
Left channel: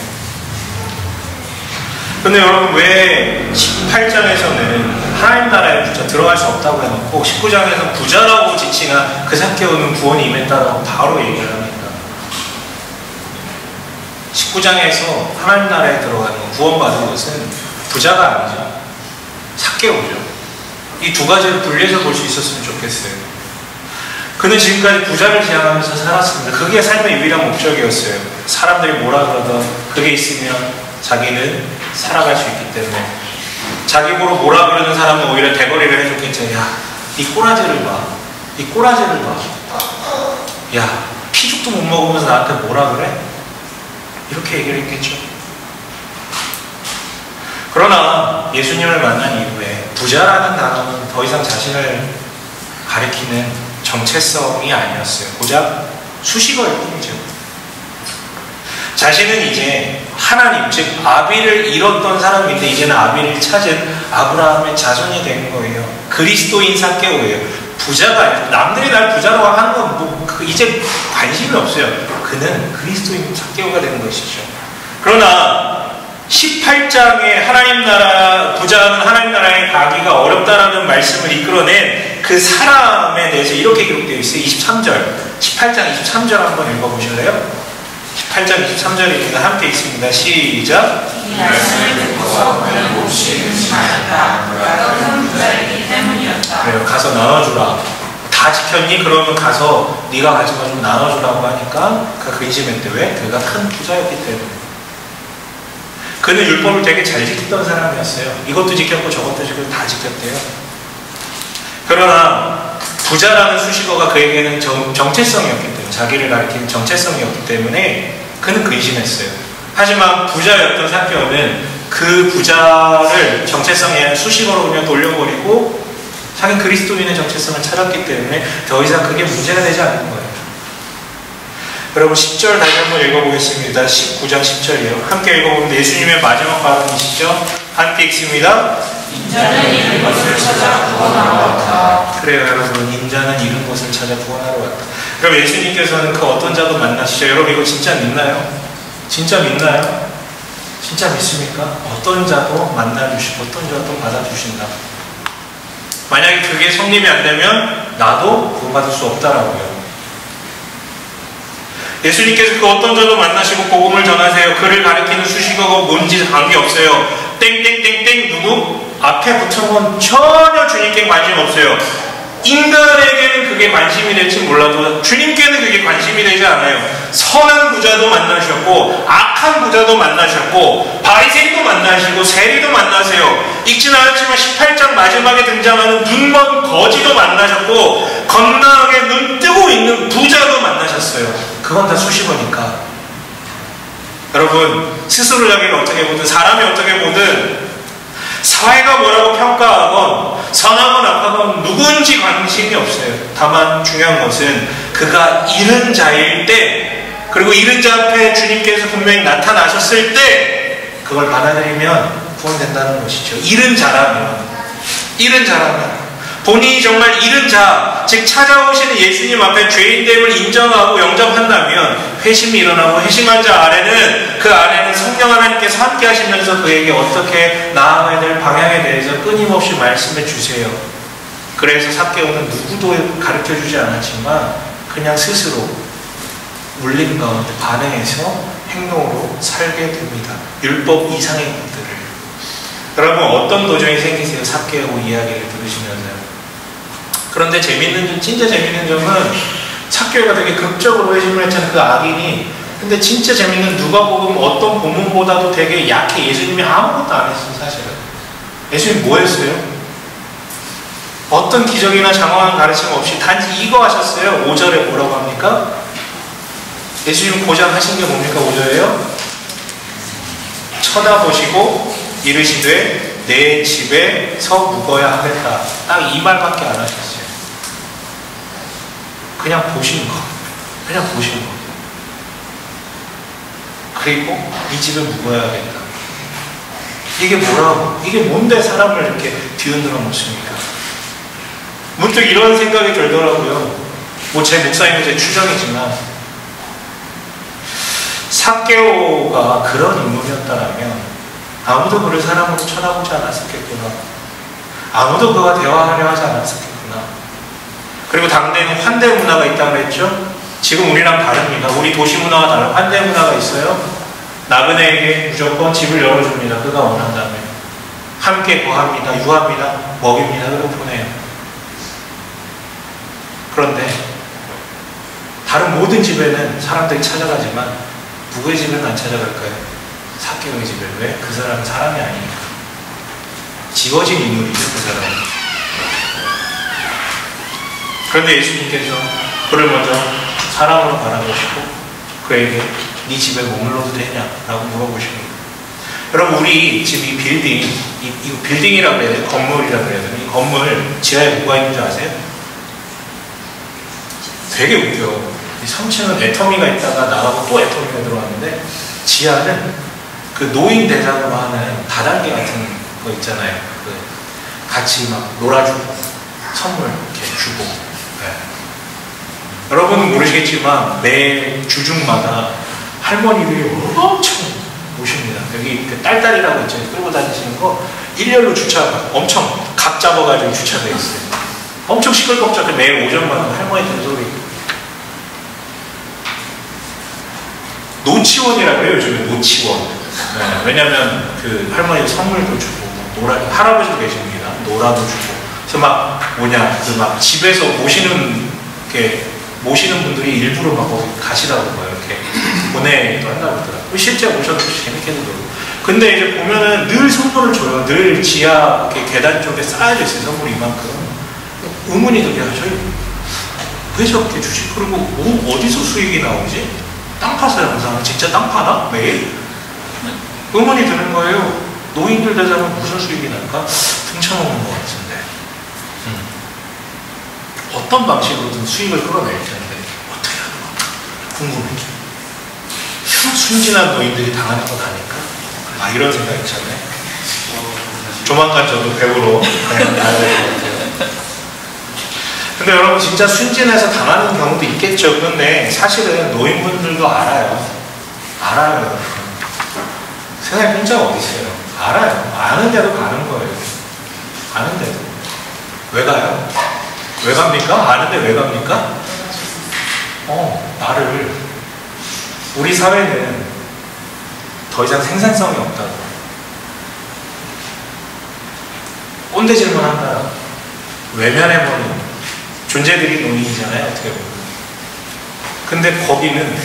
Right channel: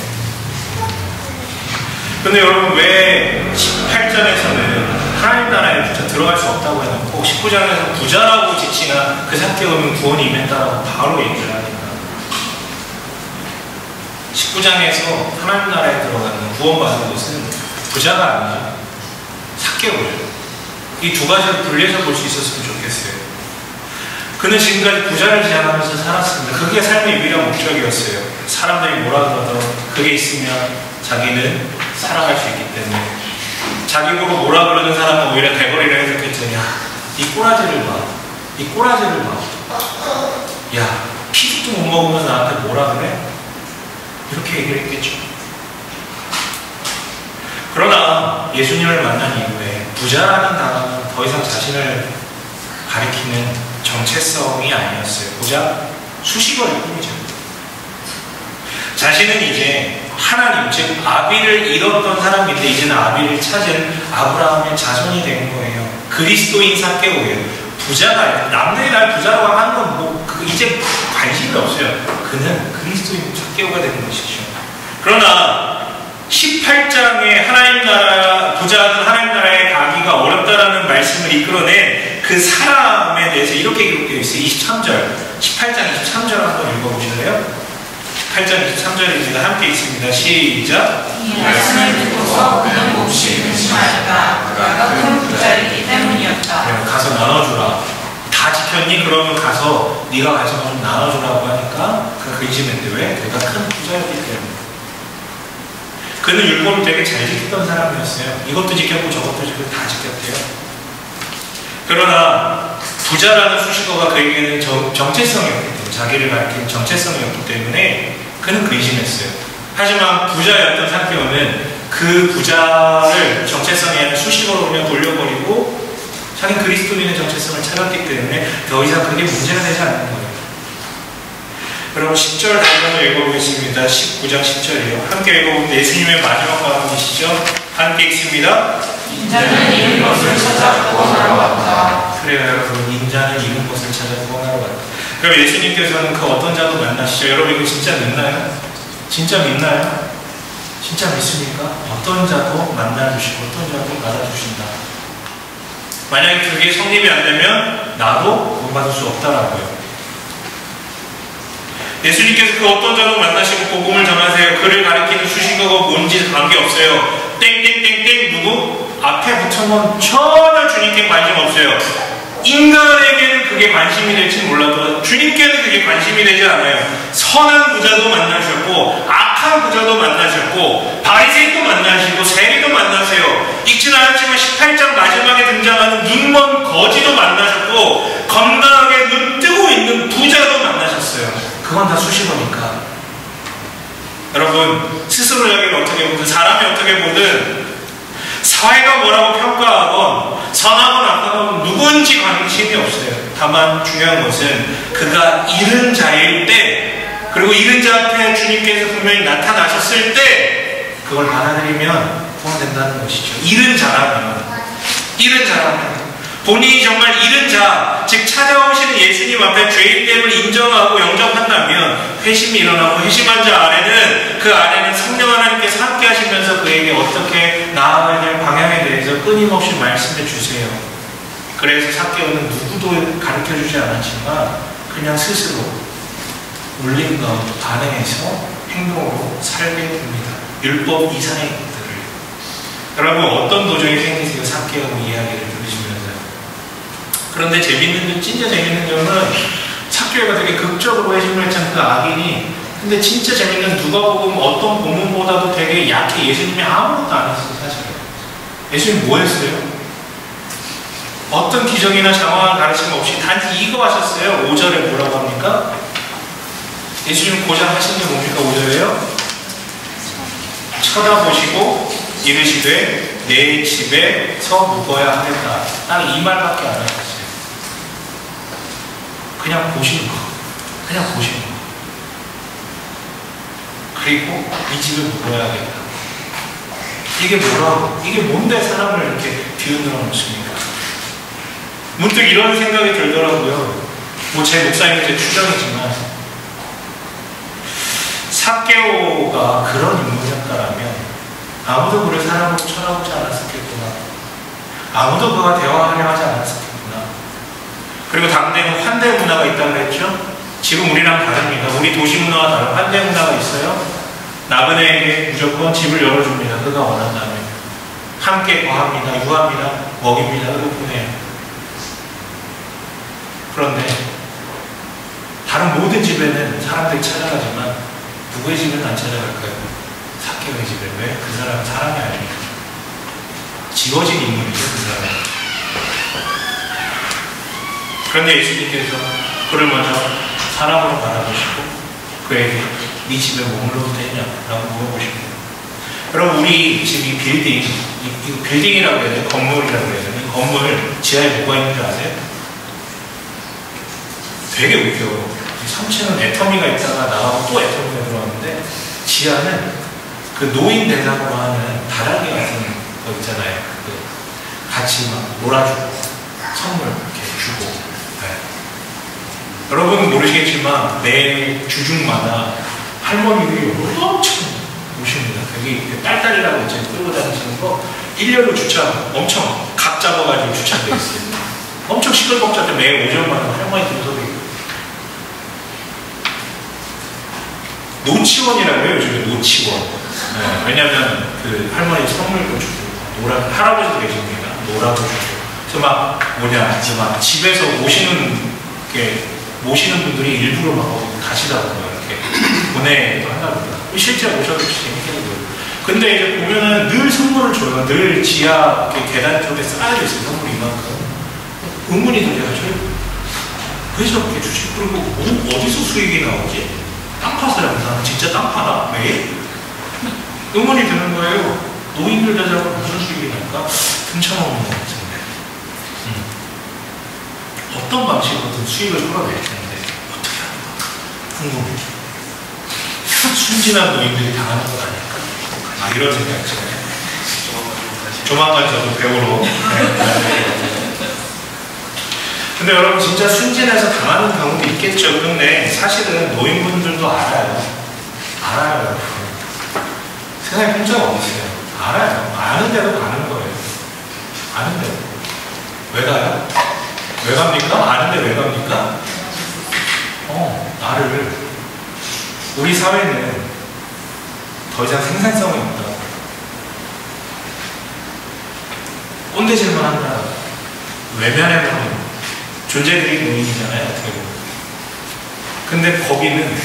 근데 여러분 왜 18장에서는 하나님 나라에 부자 들어갈 수 없다고 해놓고 19장에서 부자라고 지칭한 그 삭개오는 구원이 임했다라고 바로 얘기를 합니까? 19장에서 하나님 나라에 들어가는 구원받은 것은 부자가 아니죠. 삭개오죠. 이 두 가지를 분리해서 볼 수 있었으면 좋겠어요. 그는 지금까지 부자를 지향하면서 살았습니다. 그게 삶의 유일한 목적이었어요. 사람들이 뭐라 그러던 그게 있으면 자기는 살아갈 수 있기 때문에. 자기 보러 뭐라 그러는 사람은 오히려 대거리를 해줬겠죠. 야, 네 꼬라지를 봐. 네 꼬라지를 봐. 야, 피죽도 못 먹으면서 나한테 뭐라 그래? 이렇게 얘기를 했겠죠. 그러나 예수님을 만난 이후에 부자라는 단어는 더 이상 자신을 가리키는 정체성이 아니었어요. 고작 수식어일 뿐이죠. 자신은 이제 하나님, 즉 아비를 잃었던 사람인데 이제는 아비를 찾은 아브라함의 자손이 된 거예요. 그리스도인 삭개오예요. 부자가 아니라 남들이 날 부자라고 하는 건 뭐 이제 관심이 없어요. 그는 그리스도인 삭개오가 되는 것이죠. 그러나 18장에 하나님 나라, 부자는 하나님 나라에 가기가 어렵다라는 말씀을 이끌어낸 그 사람에 대해서 이렇게 기록되어 있어요. 23절, 18장 23절 한번 읽어보실래요? 18장 23절입니다. 함께 읽습니다. 시작. 이 말씀을 듣고 없어서 그는 몹시 근심하였다. 그가 큰 부자이기 때문이었다. 그래요. 가서 나눠주라. 다 지켰니? 그러면 가서 네가 가진 거 좀 나눠주라고 하니까 그가 근심했대. 왜? 그가 큰 부자였기 때문에. 그는 율법을 되게 잘 지켰던 사람이었어요. 이것도 지켰고 저것도 지켰고 다 지켰대요. 그러나 부자라는 수식어가 그에게는 정체성이었기 때문에, 자기를 가리키는 정체성이었기 때문에 그는 근심했어요. 하지만 부자였던 삭개오는 그 부자를 정체성의 수식어로 그냥 돌려버리고 자기 그리스도인의 정체성을 찾았기 때문에 더 이상 그게 문제가 되지 않는 거예요. 여러분 10절 다시 한번 읽어보겠습니다. 19장 10절이에요. 함께 읽어보면 예수님의 마지막 발언이시죠. 함께 읽습니다. 인자는 잃은 것을 찾아 구원하러 갔다. 그래요 여러분. 인자는 잃은 것을 찾아 구원하러 갔다. 그럼 예수님께서는 그 어떤 자도 만나시죠. 여러분 이거 진짜 믿나요? 진짜 믿나요? 진짜 믿습니까? 어떤 자도 만나주시고 어떤 자도 받아주신다. 만약에 그게 성립이 안 되면 나도 구원받을 수 없다라고요. 예수님께서 그 어떤 자도 만나시고 복음을 전하세요. 그를 가리키는 수식어가 뭔지 관계없어요. 땡땡땡땡 누구? 앞에 붙은 건 전혀 주님께 관심 없어요. 인간에게는 그게 관심이 될지 몰라도 주님께는 그게 관심이 되지 않아요. 선한 부자도 만나셨고 악한 부자도 만나셨고 바리새인도 만나시고 세리도 만나세요. 읽지는 않았지만 18장 마지막에 등장하는 눈먼 거지도 만나셨고 건강하게 눈 뜨고 있는 부자도 만나셨어요. 그건 다 수식어니까. 여러분 스스로 자기를 어떻게 보든 사람이 어떻게 보든 사회가 뭐라고 평가하건 선하건 악하건 누군지 관심이 없어요. 다만 중요한 것은 그가 잃은 자일 때 그리고 잃은 자 앞에 주님께서 분명히 나타나셨을 때 그걸 받아들이면 구원된다는 것이죠. 잃은 자라면 본인이 정말 잃은 자, 즉 찾아오시는 예수님 앞에 죄인됨을 인정하고 영접한다면 회심이 일어나고 회심한 자 아래는 그 아래는 성령 하나님께서 함께 하시면서 그에게 어떻게 나아가야 될 방향에 대해서 끊임없이 말씀해 주세요. 그래서 삭개오는 누구도 가르쳐주지 않았지만 그냥 스스로 울림 가운데 반응해서 행동으로 살게 됩니다. 율법 이상의 것들을. 여러분 어떤 도전이 생기세요? 삭개오 이야기를 들으시면서. 그런데 진짜 재밌는 점은 삭개오가 되게 극적으로 회심을 했잖아요. 그 악인이. 근데 진짜 재밌는 누가복음 어떤 본문보다도 되게 약해. 예수님이 아무것도 안 했어요. 사실은. 예수님 뭐 했어요? 어떤 기적이나 장황한 가르침 없이 단지 이거 하셨어요. 5절에 뭐라고 합니까? 예수님 고작 하신 게 뭡니까? 5절에요? 쳐다보시고 이르시되 내 집에 서 묵어야 하겠다. 딱 이 말밖에 안 하셨어요. 그냥 보시는 거. 그리고 이 집에 묵어야 하겠다. 이게 뭐라고? 이게 뭔데 사람을 이렇게 뒤흔들어 놓습니까? 문득 이런 생각이 들더라고요. 뭐 제 목사님은 제 추정이지만 삭개오가 그런 인물이었다면 아무도 그를 사람으로 쳐다보지 않았었겠구나. 아무도 그와 대화하려 하지 않았었겠구나. 그리고 당대는 환대 문화가 있다고 했죠. 지금 우리랑 다릅니다. 우리 도시 문화와 다른 환대 문화가 있어요. 나그네에게 무조건 집을 열어줍니다. 그가 원한다면. 함께 거합니다. 유합니다. 먹입니다. 그리고 보내요. 그런데 다른 모든 집에는 사람들이 찾아가지만 누구의 집에는 안 찾아갈까요? 삭개오의 집에. 왜? 그 사람은 사람이 아니니까. 지워진 인물이죠. 그 사람은. 그런데 예수님께서 그를 먼저 사람으로 바라보시고 그에게 네 집에 머물러도 되냐? 라고 물어보십니다. 여러분 우리 지금 이 빌딩, 이거 빌딩이라고 해야 돼요? 건물이라고 해야 돼요? 이 건물 지하에 뭐가 있는 줄 아세요? 되게 웃겨. 3층은 애터미가 있다가 나가고 또 애터미가 들어왔는데 지하는 그 노인 대상으로 하는 다단계 같은 거 있잖아요. 그 같이 막 놀아주고 선물 이렇게 주고. 네. 여러분은 모르시겠지만 매 주중마다 할머니들이 엄청 오십니다. 여기 그 딸딸이라고 있죠. 끌고 다니시는 거 일렬로 주차 엄청 각 잡아가지고 주차되어 있어요. 엄청 시끌벅적해. 매일 오전마다 할머니들 소리. 노치원이라고 해요. 요즘에 노치원. 네, 왜냐면 그 할머니 선물도 주고, 할아버지도 계십니다. 노라도 주고. 그래서 막 그 막 집에서 모시는 분들이 일부러 막 거기 가시더라고요. 이렇게 보내기도 한다고 그러더라고요. 실제 오셔도 재밌게도 놀고. 근데 이제 보면은 늘 선물을 줘요. 늘 지하 이렇게 계단 쪽에 쌓여져 있어요. 선물이 이만큼. 의문이 들어요. 저희 왜 저렇게 주지? 그리고 어디서 수익이 나오지? 땅 파서 영상 진짜 땅 파나? 매일? 의문이 드는 거예요. 노인들 되자면 무슨 수익이 날까? 등쳐먹는 것 같은데. 어떤 방식으로든 수익을 끌어낼 텐데 어떻게 하는 건가? 궁금해져. 순진한 노인들이 당하는 것 아닐까? 이런 생각 있잖아요. 조만간 저도 배우러 가야 될 것 같아요. 근데 여러분 진짜 순진해서 당하는 경우도 있겠죠. 근데 사실은 노인분들도 알아요. 여러분. 세상에 공짜가 어디 있어요? 알아요. 아는 대로 가는 거예요. 아는 대로. 왜 가요? 왜 갑니까? 아는데 왜 갑니까? 우리 사회는 더 이상 생산성이 없다고. 꼰대질만 한다. 외면해버린 존재들이 노인이잖아요, 어떻게 보면. 근데 거기는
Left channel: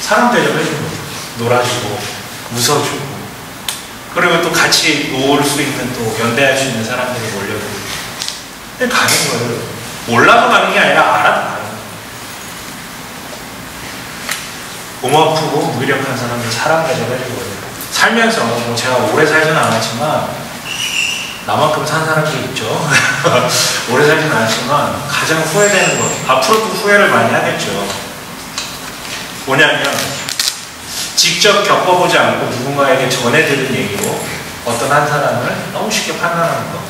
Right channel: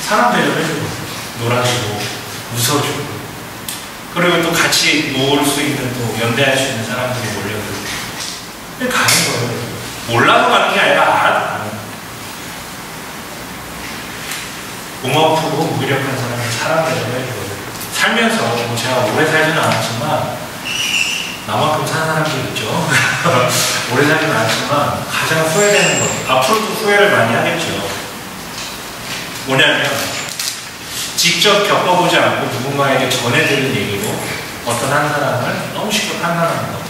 사람 대접해주거든. 놀아주고, 웃어주고. 그리고 또 같이 놀 수 있는, 또 연대할 수 있는 사람들이 몰려들고. 근데 가는 거예요. 몰라도 가는 게 아니라 알아도 가는 거예요. 고맙고 무기력한 사람들 사람 대접해주거든요. 살면서 뭐 제가 오래 살지는 않았지만 나만큼 산 사람들 있죠. 오래 살지는 않았지만 가장 후회되는 것, 앞으로도 후회를 많이 하겠죠. 뭐냐면 직접 겪어보지 않고 누군가에게 전해 들은 얘기로 어떤 한 사람을 너무 쉽게 판단하는 것.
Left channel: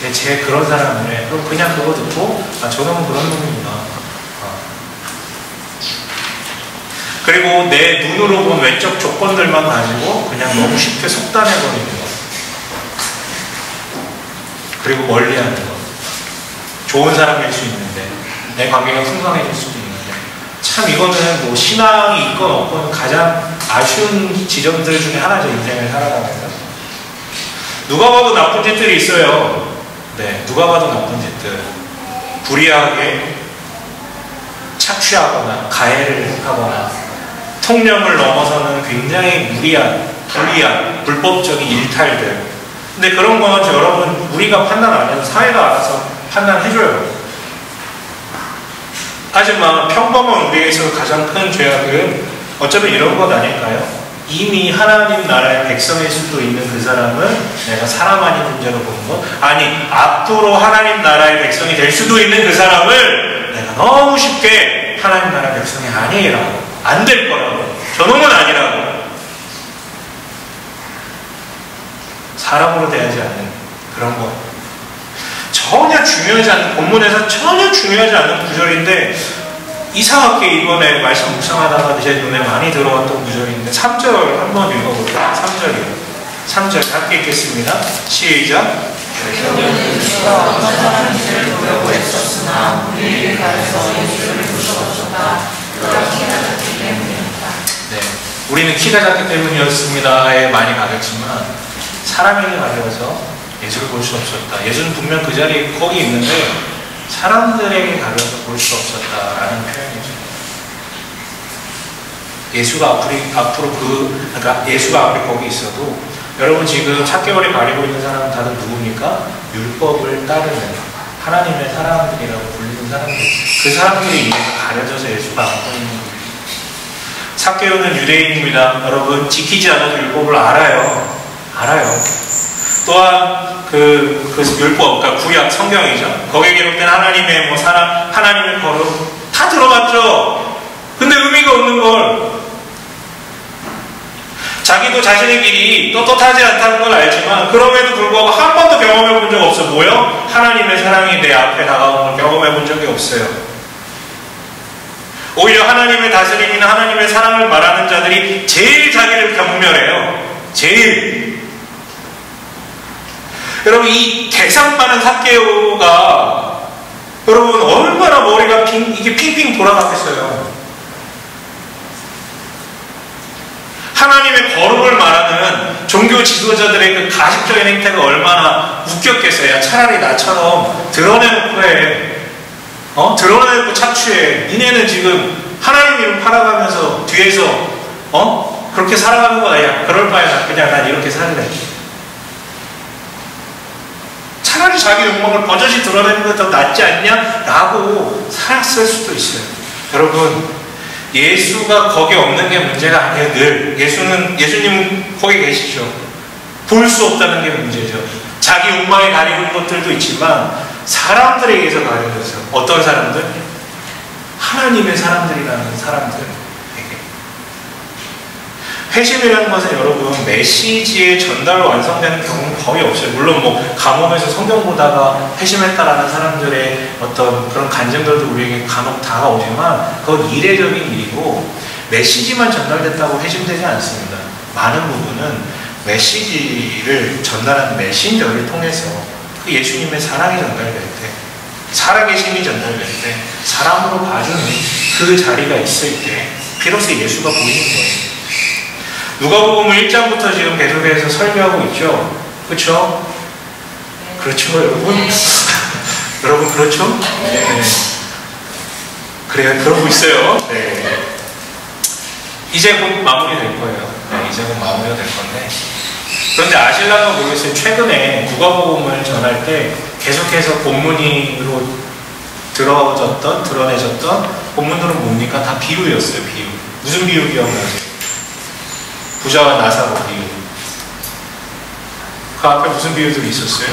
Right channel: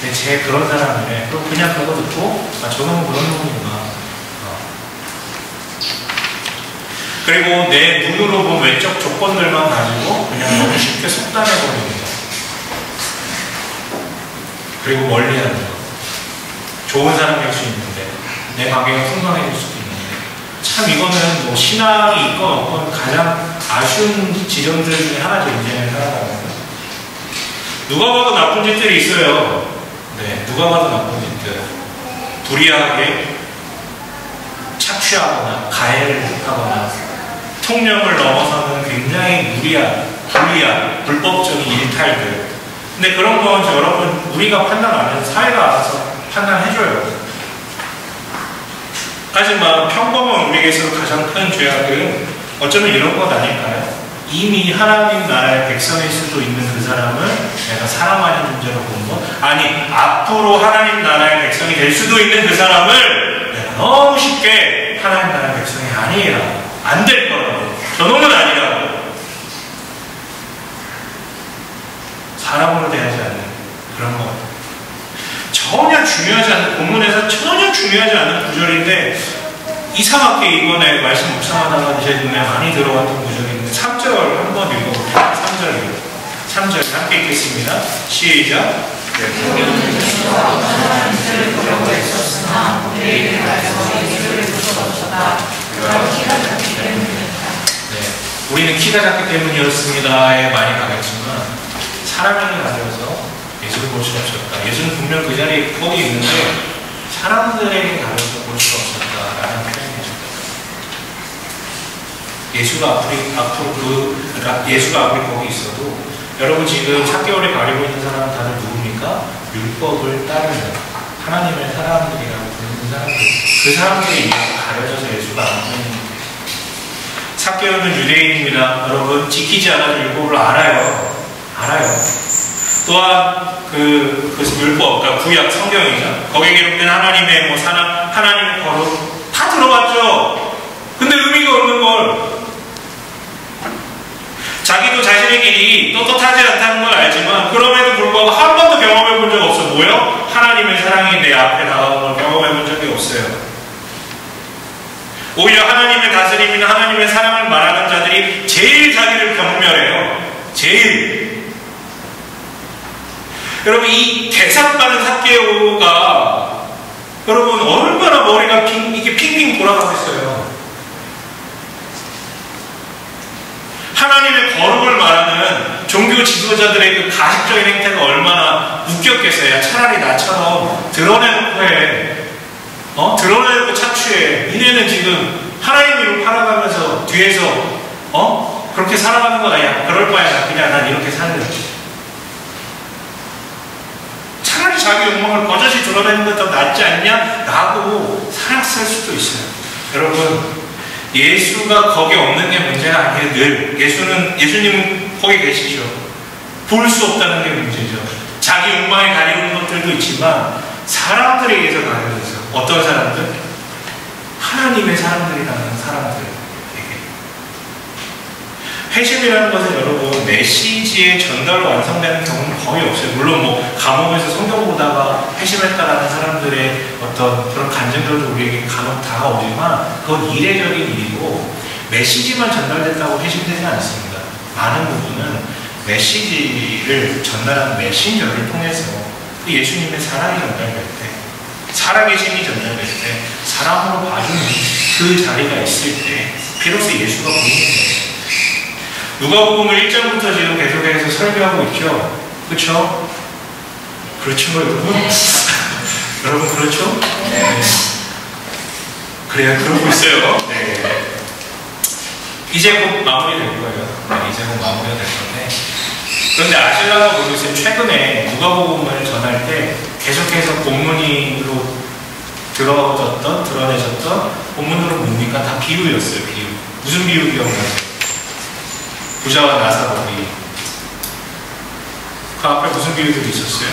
근데 제 그런 사람들은 그럼 그냥 그거 듣고 저놈은 그런 놈이구나. 그리고 내 눈으로 본 외적 조건들만 가지고 그냥 너무 쉽게 속단해버리는 것. 그리고 멀리하는 것. 좋은 사람일 수 있는데 내 관계가 풍성해질 수도 있는데 참 이거는 뭐 신앙이 있건 없건 가장 아쉬운 지점들 중에 하나죠. 인생을 살아가면서 누가 봐도 나쁜 짓들이 있어요. 네, 누가 봐도 나쁜 짓들. 불의하게 착취하거나 가해를 하거나 통념을 넘어서는 굉장히 무리한, 불리한, 불법적인 일탈들. 근데 그런 건 여러분 우리가 판단 안 해도 사회가 알아서 판단해줘요. 하지만 평범한 우리에게서 가장 큰 죄악은 어쩌면 이런 것 아닐까요? 이미 하나님 나라의 백성일 수도 있는 그 사람을 내가 사랑하는 존재로 보는 것, 아니 앞으로 하나님 나라의 백성이 될 수도 있는 그 사람을 내가 너무 쉽게 하나님 나라의 백성이 아니라고, 안 될 거라고, 저놈은 아니라고, 사람으로 대하지 않는 그런 것. 전혀 중요하지 않는, 본문에서 전혀 중요하지 않는 구절인데 이상하게 이번에 말씀 묵상하다가 제 눈에 많이 들어왔던 구절인데 3절 한번 읽어볼까요? 3절 함께 읽겠습니다. 시작. 네, 우리는 키가 작기 때문이었습니다에 많이 가겠지만 사람에게 가려서 예수를 볼 수 없었다. 예수는 분명 그 자리에 거기 있는데 사람들에게 가려서 볼 수 없었다라는 표현이죠. 예수가 그러니까 예수가 아무리 거기 있어도 여러분 지금 4개월에 가리고 있는 사람은 다들 누굽니까? 율법을 따르는 하나님의 사람들이라고 불리는 사람들. 그 사람들에 의해서 가려져서 예수가 안 보이는 거예요. 4개월은 유대인입니다. 여러분 지키지 않아도 율법을 알아요. 또한 그 율법, 그러니까 구약 성경이죠. 거기에 기록된 하나님의 하나님의 거룩 다 들어봤죠. 근데 의미가 없는 걸. 자기도 자신의 길이 떳떳하지 않다는 걸 알지만 그럼에도 불구하고 한 번도 경험해 본 적 없어. 뭐요? 하나님의 사랑이 내 앞에 다가온 걸 경험해 본 적이 없어요. 오히려 하나님의 다스림이나 하나님의 사랑을 말하는 자들이 제일 자기를 경멸해요. 제일. 여러분 이 대상 많은 삭개오가 여러분 얼마나 머리가 이게 핑핑 돌아가겠어요. 하나님의 거룩을 말하는 종교 지도자들의 그 가식적인 행태가 얼마나 웃겼겠어요. 차라리 나처럼 드러내놓고 해. 드러내놓고 착취해. 니네는 지금 하나님 이름 팔아가면서 뒤에서 그렇게 살아가는 거다. 야, 그럴 바에 그냥 난 이렇게 살래. 차라리 자기 욕망을 버젓이 드러내는 것 더 낫지 않냐? 라고 살았을 수도 있어요. 여러분, 예수가 거기 없는 게 문제가 아니에요. 늘 예수님은 거기 계시죠. 볼 수 없다는 게 문제죠. 자기 욕망에 가리는 것들도 있지만 사람들에 의해서 가려졌어요. 어떤 사람들? 하나님의 사람들이라는 사람들에게. 회심이라는 것은 여러분 메시지의 전달로 완성되는 경우는 거의 없어요. 물론 뭐 감옥에서 성경 보다가 회심했다라는 사람들의 어떤 그런 간증들도 우리에게 간혹 다가오지만 그건 이례적인 일이고 메시지만 전달됐다고 회심되지 않습니다. 많은 부분은 메시지를 전달하는 메신저를 통해서 그 예수님의 사랑이 전달될 때, 살아계심이 전달될 때, 사람으로 봐주는 그 자리가 있을 때 비로소 예수가 보이는 거예요. 누가복음 1장부터 지금 계속해서 설교하고 있죠. 그렇죠? 그렇죠, 여러분? 여러분 그렇죠? 네. 그래요, 그러고 있어요. 네. 이제 곧 마무리될 거예요. 네, 이제 곧 마무리가 될 건데. 그런데 아실란가 모르겠어요. 최근에 누가복음을 전할 때 계속해서 본문으로 드러내졌던 본문들은 뭡니까? 다 비유였어요. 비유. 무슨 비유 기억나세요? 부자와 나사로 비유. 그 앞에 무슨 비유들이 있었어요?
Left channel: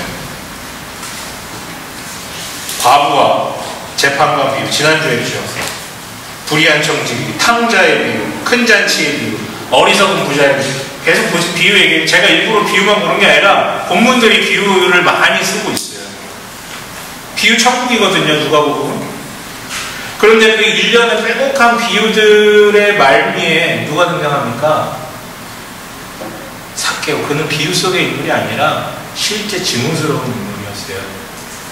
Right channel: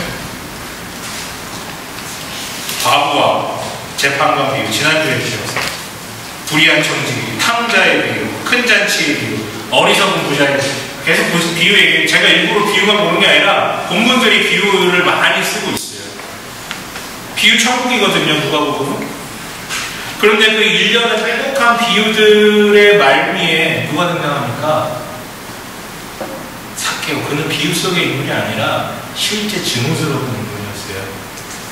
과부와 재판관 비유. 지난주에 했죠. 불의한 청지, 탕자의 비유, 큰 잔치의 비유, 어리석은 부자의 비유. 계속 비유 얘기해요. 제가 일부러 비유만 보는 게 아니라 본문들이 비유를 많이 쓰고 있어요. 비유 천국이거든요, 누가복음은. 그런데 그 일련의 빼곡한 비유들의 말미에 누가 등장합니까? 삭개오. 그는 비유 속의 인물이 아니라 실제 증오스러운 인물이었어요.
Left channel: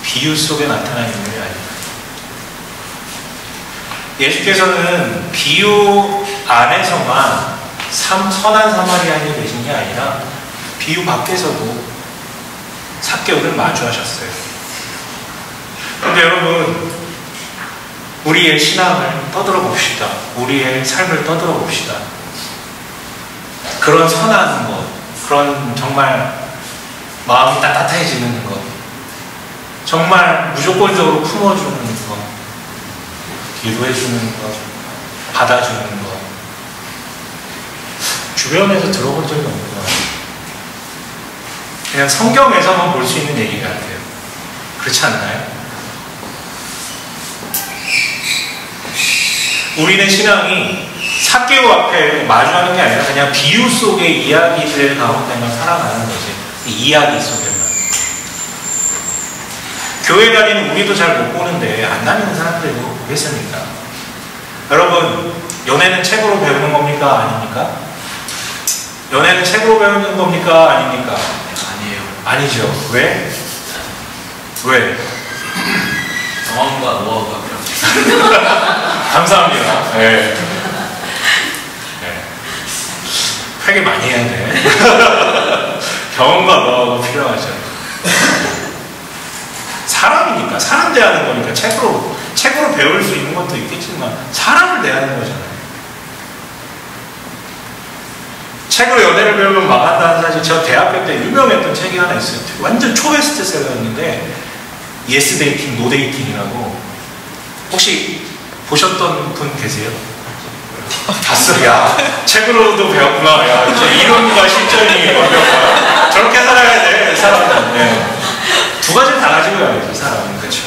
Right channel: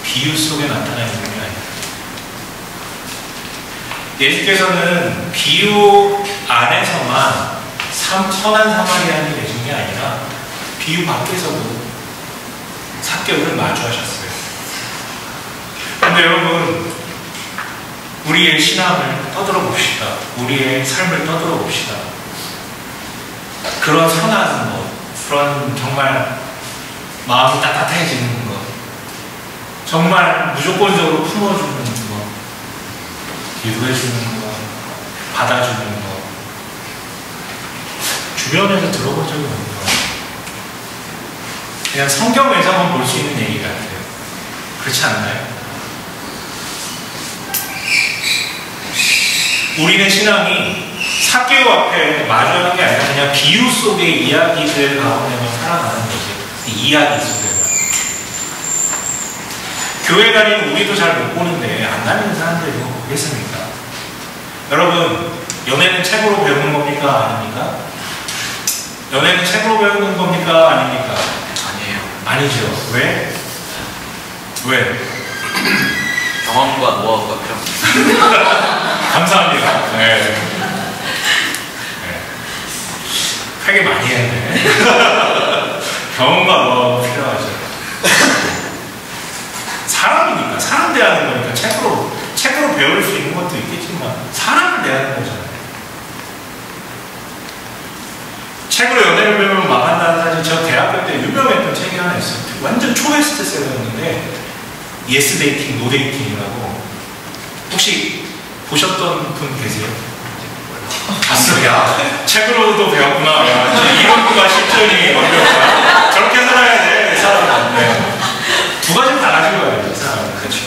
비유 속에 나타난 인물이 아니에요. 예수께서는 비유 안에서만 선한 사마리아인이 되신 게 아니라 비유 밖에서도 삭개오를 마주하셨어요. 근데 여러분, 우리의 신앙을 떠들어 봅시다. 우리의 삶을 떠들어 봅시다. 그런 선한 것, 그런 정말 마음이 따뜻해지는 것, 정말 무조건적으로 품어주는 것, 유도해주는 것, 받아주는 것, 주변에서 들어본 적이 없는 것 같아요. 그냥 성경에서만 볼 수 있는 얘기 같아요. 그렇지 않나요? 우리는 신앙이 삭개오 앞에 마주하는 게 아니라 그냥 비유 속의 이야기들 가운데만 살아가는 거지. 이야기 속에만. 교회 다니는 우리도 잘 못 보는데 안 다니는 사람들이 이거 보겠습니까? 여러분, 연애는 책으로 배우는 겁니까? 아닙니까? 연애는 책으로 배우는 겁니까? 아닙니까? 아니에요. 아니죠. 왜? 왜? 경험과 노하우가 필요합니다. 감사합니다. 네. 네. 회개 많이 해야 돼. 경험과 노하우가 필요하죠. 사람이니까, 사람 대하는 거니까 책으로 배울 수 있는 것도 있겠지만 사람을 대하는 거잖아요. 책으로 연애를 배우면 망한다는 사실, 저 대학교 때 유명했던 책이 하나 있어요. 완전 초베스트셀러였는데 예스 데이팅, 노 데이팅이라고. 혹시 보셨던 분 계세요? 봤어. 야, 책으로도 배웠구나. 야, 이제 이론과 실전이 완벽하다. 저렇게 살아야 돼, 이 사람은. 네. 두 가지를 다 가지고 가야지, 사람은. 그렇죠.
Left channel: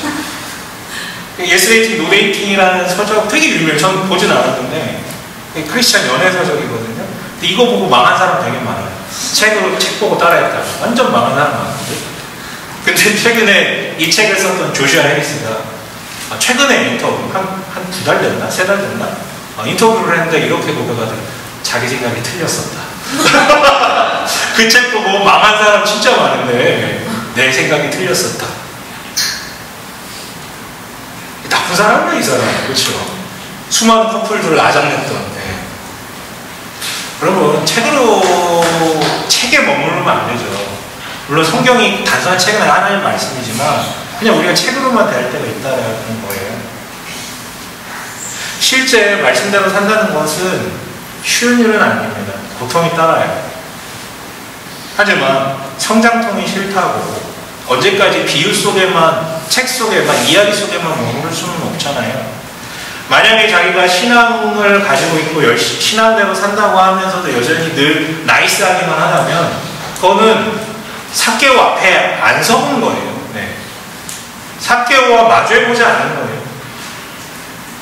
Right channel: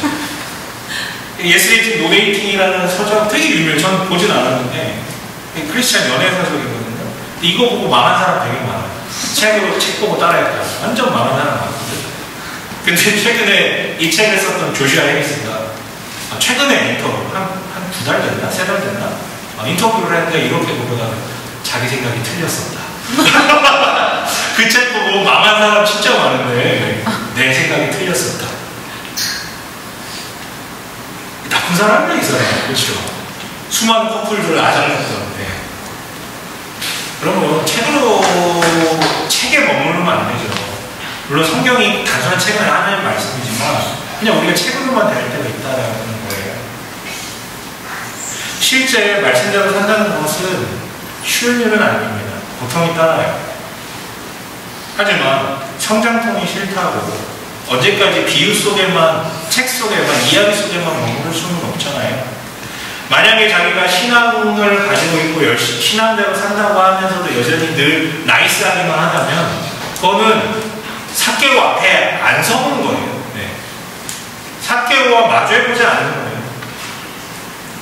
예스 데이팅, 노 데이팅이라는 서적 되게 유명해요. 저는 보진 않았는데 크리스찬 연애 서적이거든요. 이거 보고 망한 사람 되게 많아요. 책 보고 따라했다고. 완전 망한 사람 많은데. 근데 최근에 이 책을 썼던 조슈아 해리스가 최근에 인터뷰, 한 2달 됐나? 3달 됐나? 인터뷰를 했는데 이렇게 보고가지고 자기 생각이 틀렸었다. 그 책 보고 망한 사람 진짜 많은데 내 생각이 틀렸었다. 나쁜 사람이야, 이 사람. 그렇죠? 수많은 커플들을 아작냈던. 여러분, 책에 머무르면 안 되죠. 물론 성경이 단순한 책은 하나의 말씀이지만 그냥 우리가 책으로만 대할 때가 있다는 거예요. 실제 말씀대로 산다는 것은 쉬운 일은 아닙니다. 고통이 따라요. 하지만 성장통이 싫다고 언제까지 비유 속에만, 책 속에만, 이야기 속에만 머무를 수는 없잖아요. 만약에 자기가 신앙을 가지고 있고 열심히 신앙대로 산다고 하면서도 여전히 늘 나이스하기만 하다면 그거는 삭개오 앞에 안 서는 거예요. 네. 삭개오와 마주해보지 않는 거예요.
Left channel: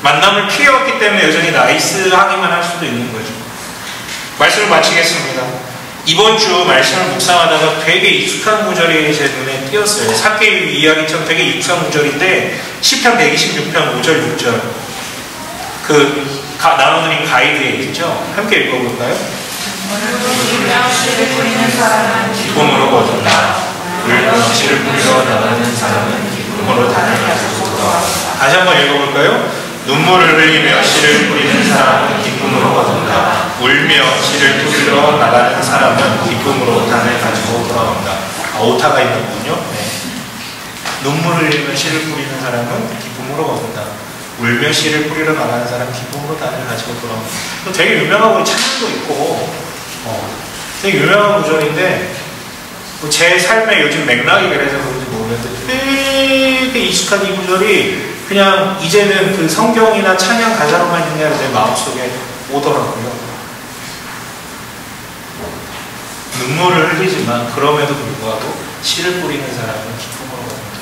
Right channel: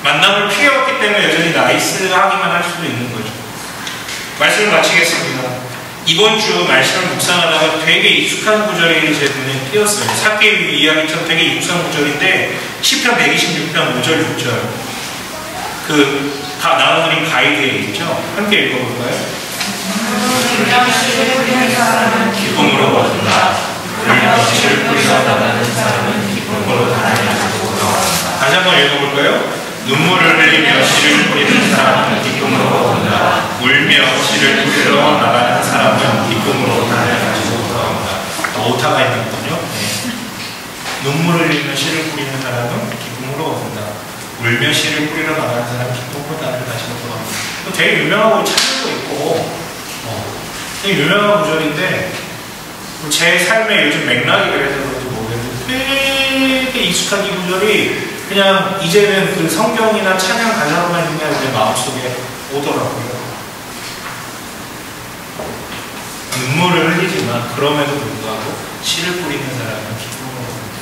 만남을 피해왔기 때문에 여전히 나이스하기만 할 수도 있는 거죠. 말씀을 마치겠습니다. 이번 주 말씀을 묵상하다가 되게 익숙한 구절이 제 눈에 띄었어요. 삭개오 이야기처럼 되게 익숙한 구절인데 시편 126편 5절 6절 나눠드린 가이드에 있죠. 함께 읽어볼까요? 기쁨으로 얻는다. 울며 씨를 뿌리러 나가는 사람은 기쁨으로 다니면서 돌아온다. 다시 한번 읽어볼까요? 눈물을 흘리며 씨를 뿌리는 사람은 기쁨으로 얻는다. 울며 씨를 뿌리러 나가는 사람은 기쁨으로 단을 가지고 돌아온다. 오타가 있는 거군요. 네. 눈물을 흘리며 씨를 뿌리는 사람은 기쁨으로 얻는다. 울며 씨를 뿌리러 나가는 사람은 기쁨으로 단을 가지고 돌아온다. 또 되게 유명하고 찬양도 있고 되게 유명한 구절인데 제 삶에 요즘 맥락이 그래서 그런지 모르겠는데 되게 익숙한 이 구절이 그냥 이제는 그 성경이나 찬양 가사로만 있냐 내 마음속에 오더라고요. 눈물을 흘리지만 그럼에도 불구하고 씨를 뿌리는 사람은 기쁨으로 얻는다.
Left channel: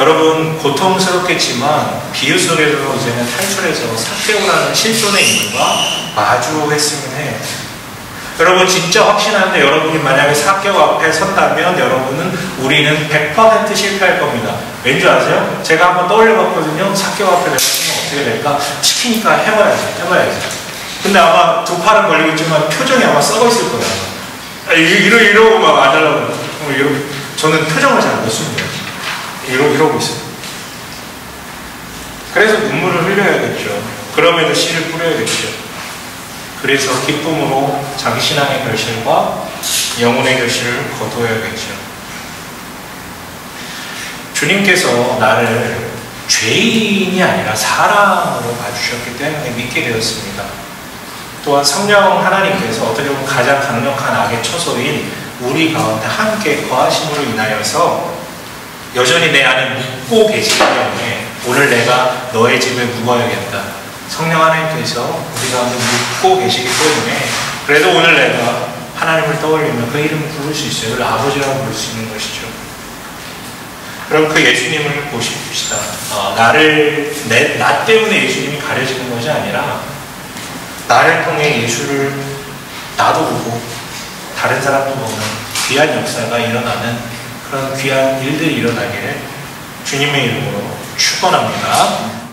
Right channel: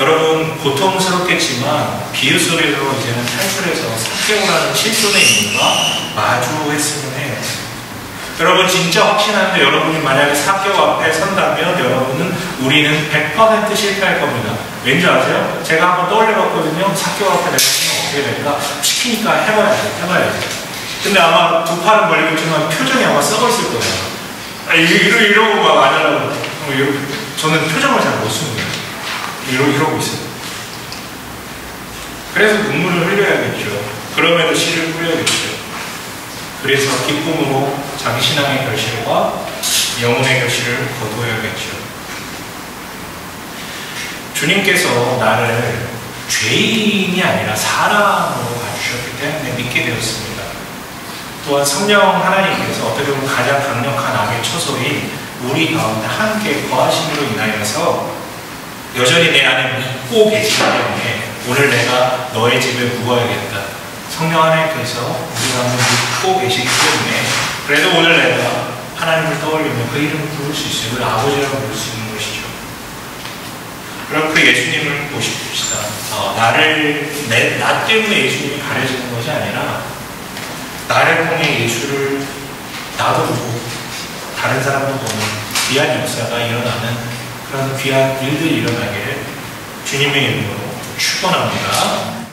여러분 고통스럽겠지만 비유 속에서 이제는 탈출해서 삭개오라는 실존의 인물과 마주했으면 해요. 여러분 진짜 확신하는데 여러분이 만약에 삭개오 앞에 선다면 여러분은 우리는 100% 실패할 겁니다. 왠지 아세요? 제가 한번 떠올려봤거든요. 삭개오 앞에 내가 하면 어떻게 될까? 시키니까 해봐야지. 근데 아마 두 팔은 걸리고 있지만 표정이 아마 썩어있을 거예요. 이러고 막 안 하려고. 저는 표정을 잘 못 씁니다. 이러고 있어요. 그래서 눈물을 흘려야겠죠. 그럼에도 씨를 뿌려야겠죠. 그래서 기쁨으로 자기 신앙의 결실과 영혼의 결실을 거두어야겠죠. 주님께서 나를 죄인이 아니라 사람으로 봐주셨기 때문에 믿게 되었습니다. 또한 성령 하나님께서 어떻게 보면 가장 강력한 악의 처소인 우리 가운데 함께 거하심으로 인하여서 여전히 내 안에 믿고 계시기 때문에 오늘 내가 너의 집에 묵어야겠다. 성령 하나님께서 우리 가운데 묵고 계시기 때문에 그래도 오늘 내가 하나님을 떠올리며 그 이름을 부를 수 있어요. 그를 아버지라고 부를 수 있는 것이죠. 그럼 그 예수님을 보십시다. 나 때문에 예수님이 가려지는 것이 아니라 나를 통해 예수를 나도 보고 다른 사람도 보는 귀한 역사가 일어나는 그런 귀한 일들이 일어나기를 주님의 이름으로 축원합니다.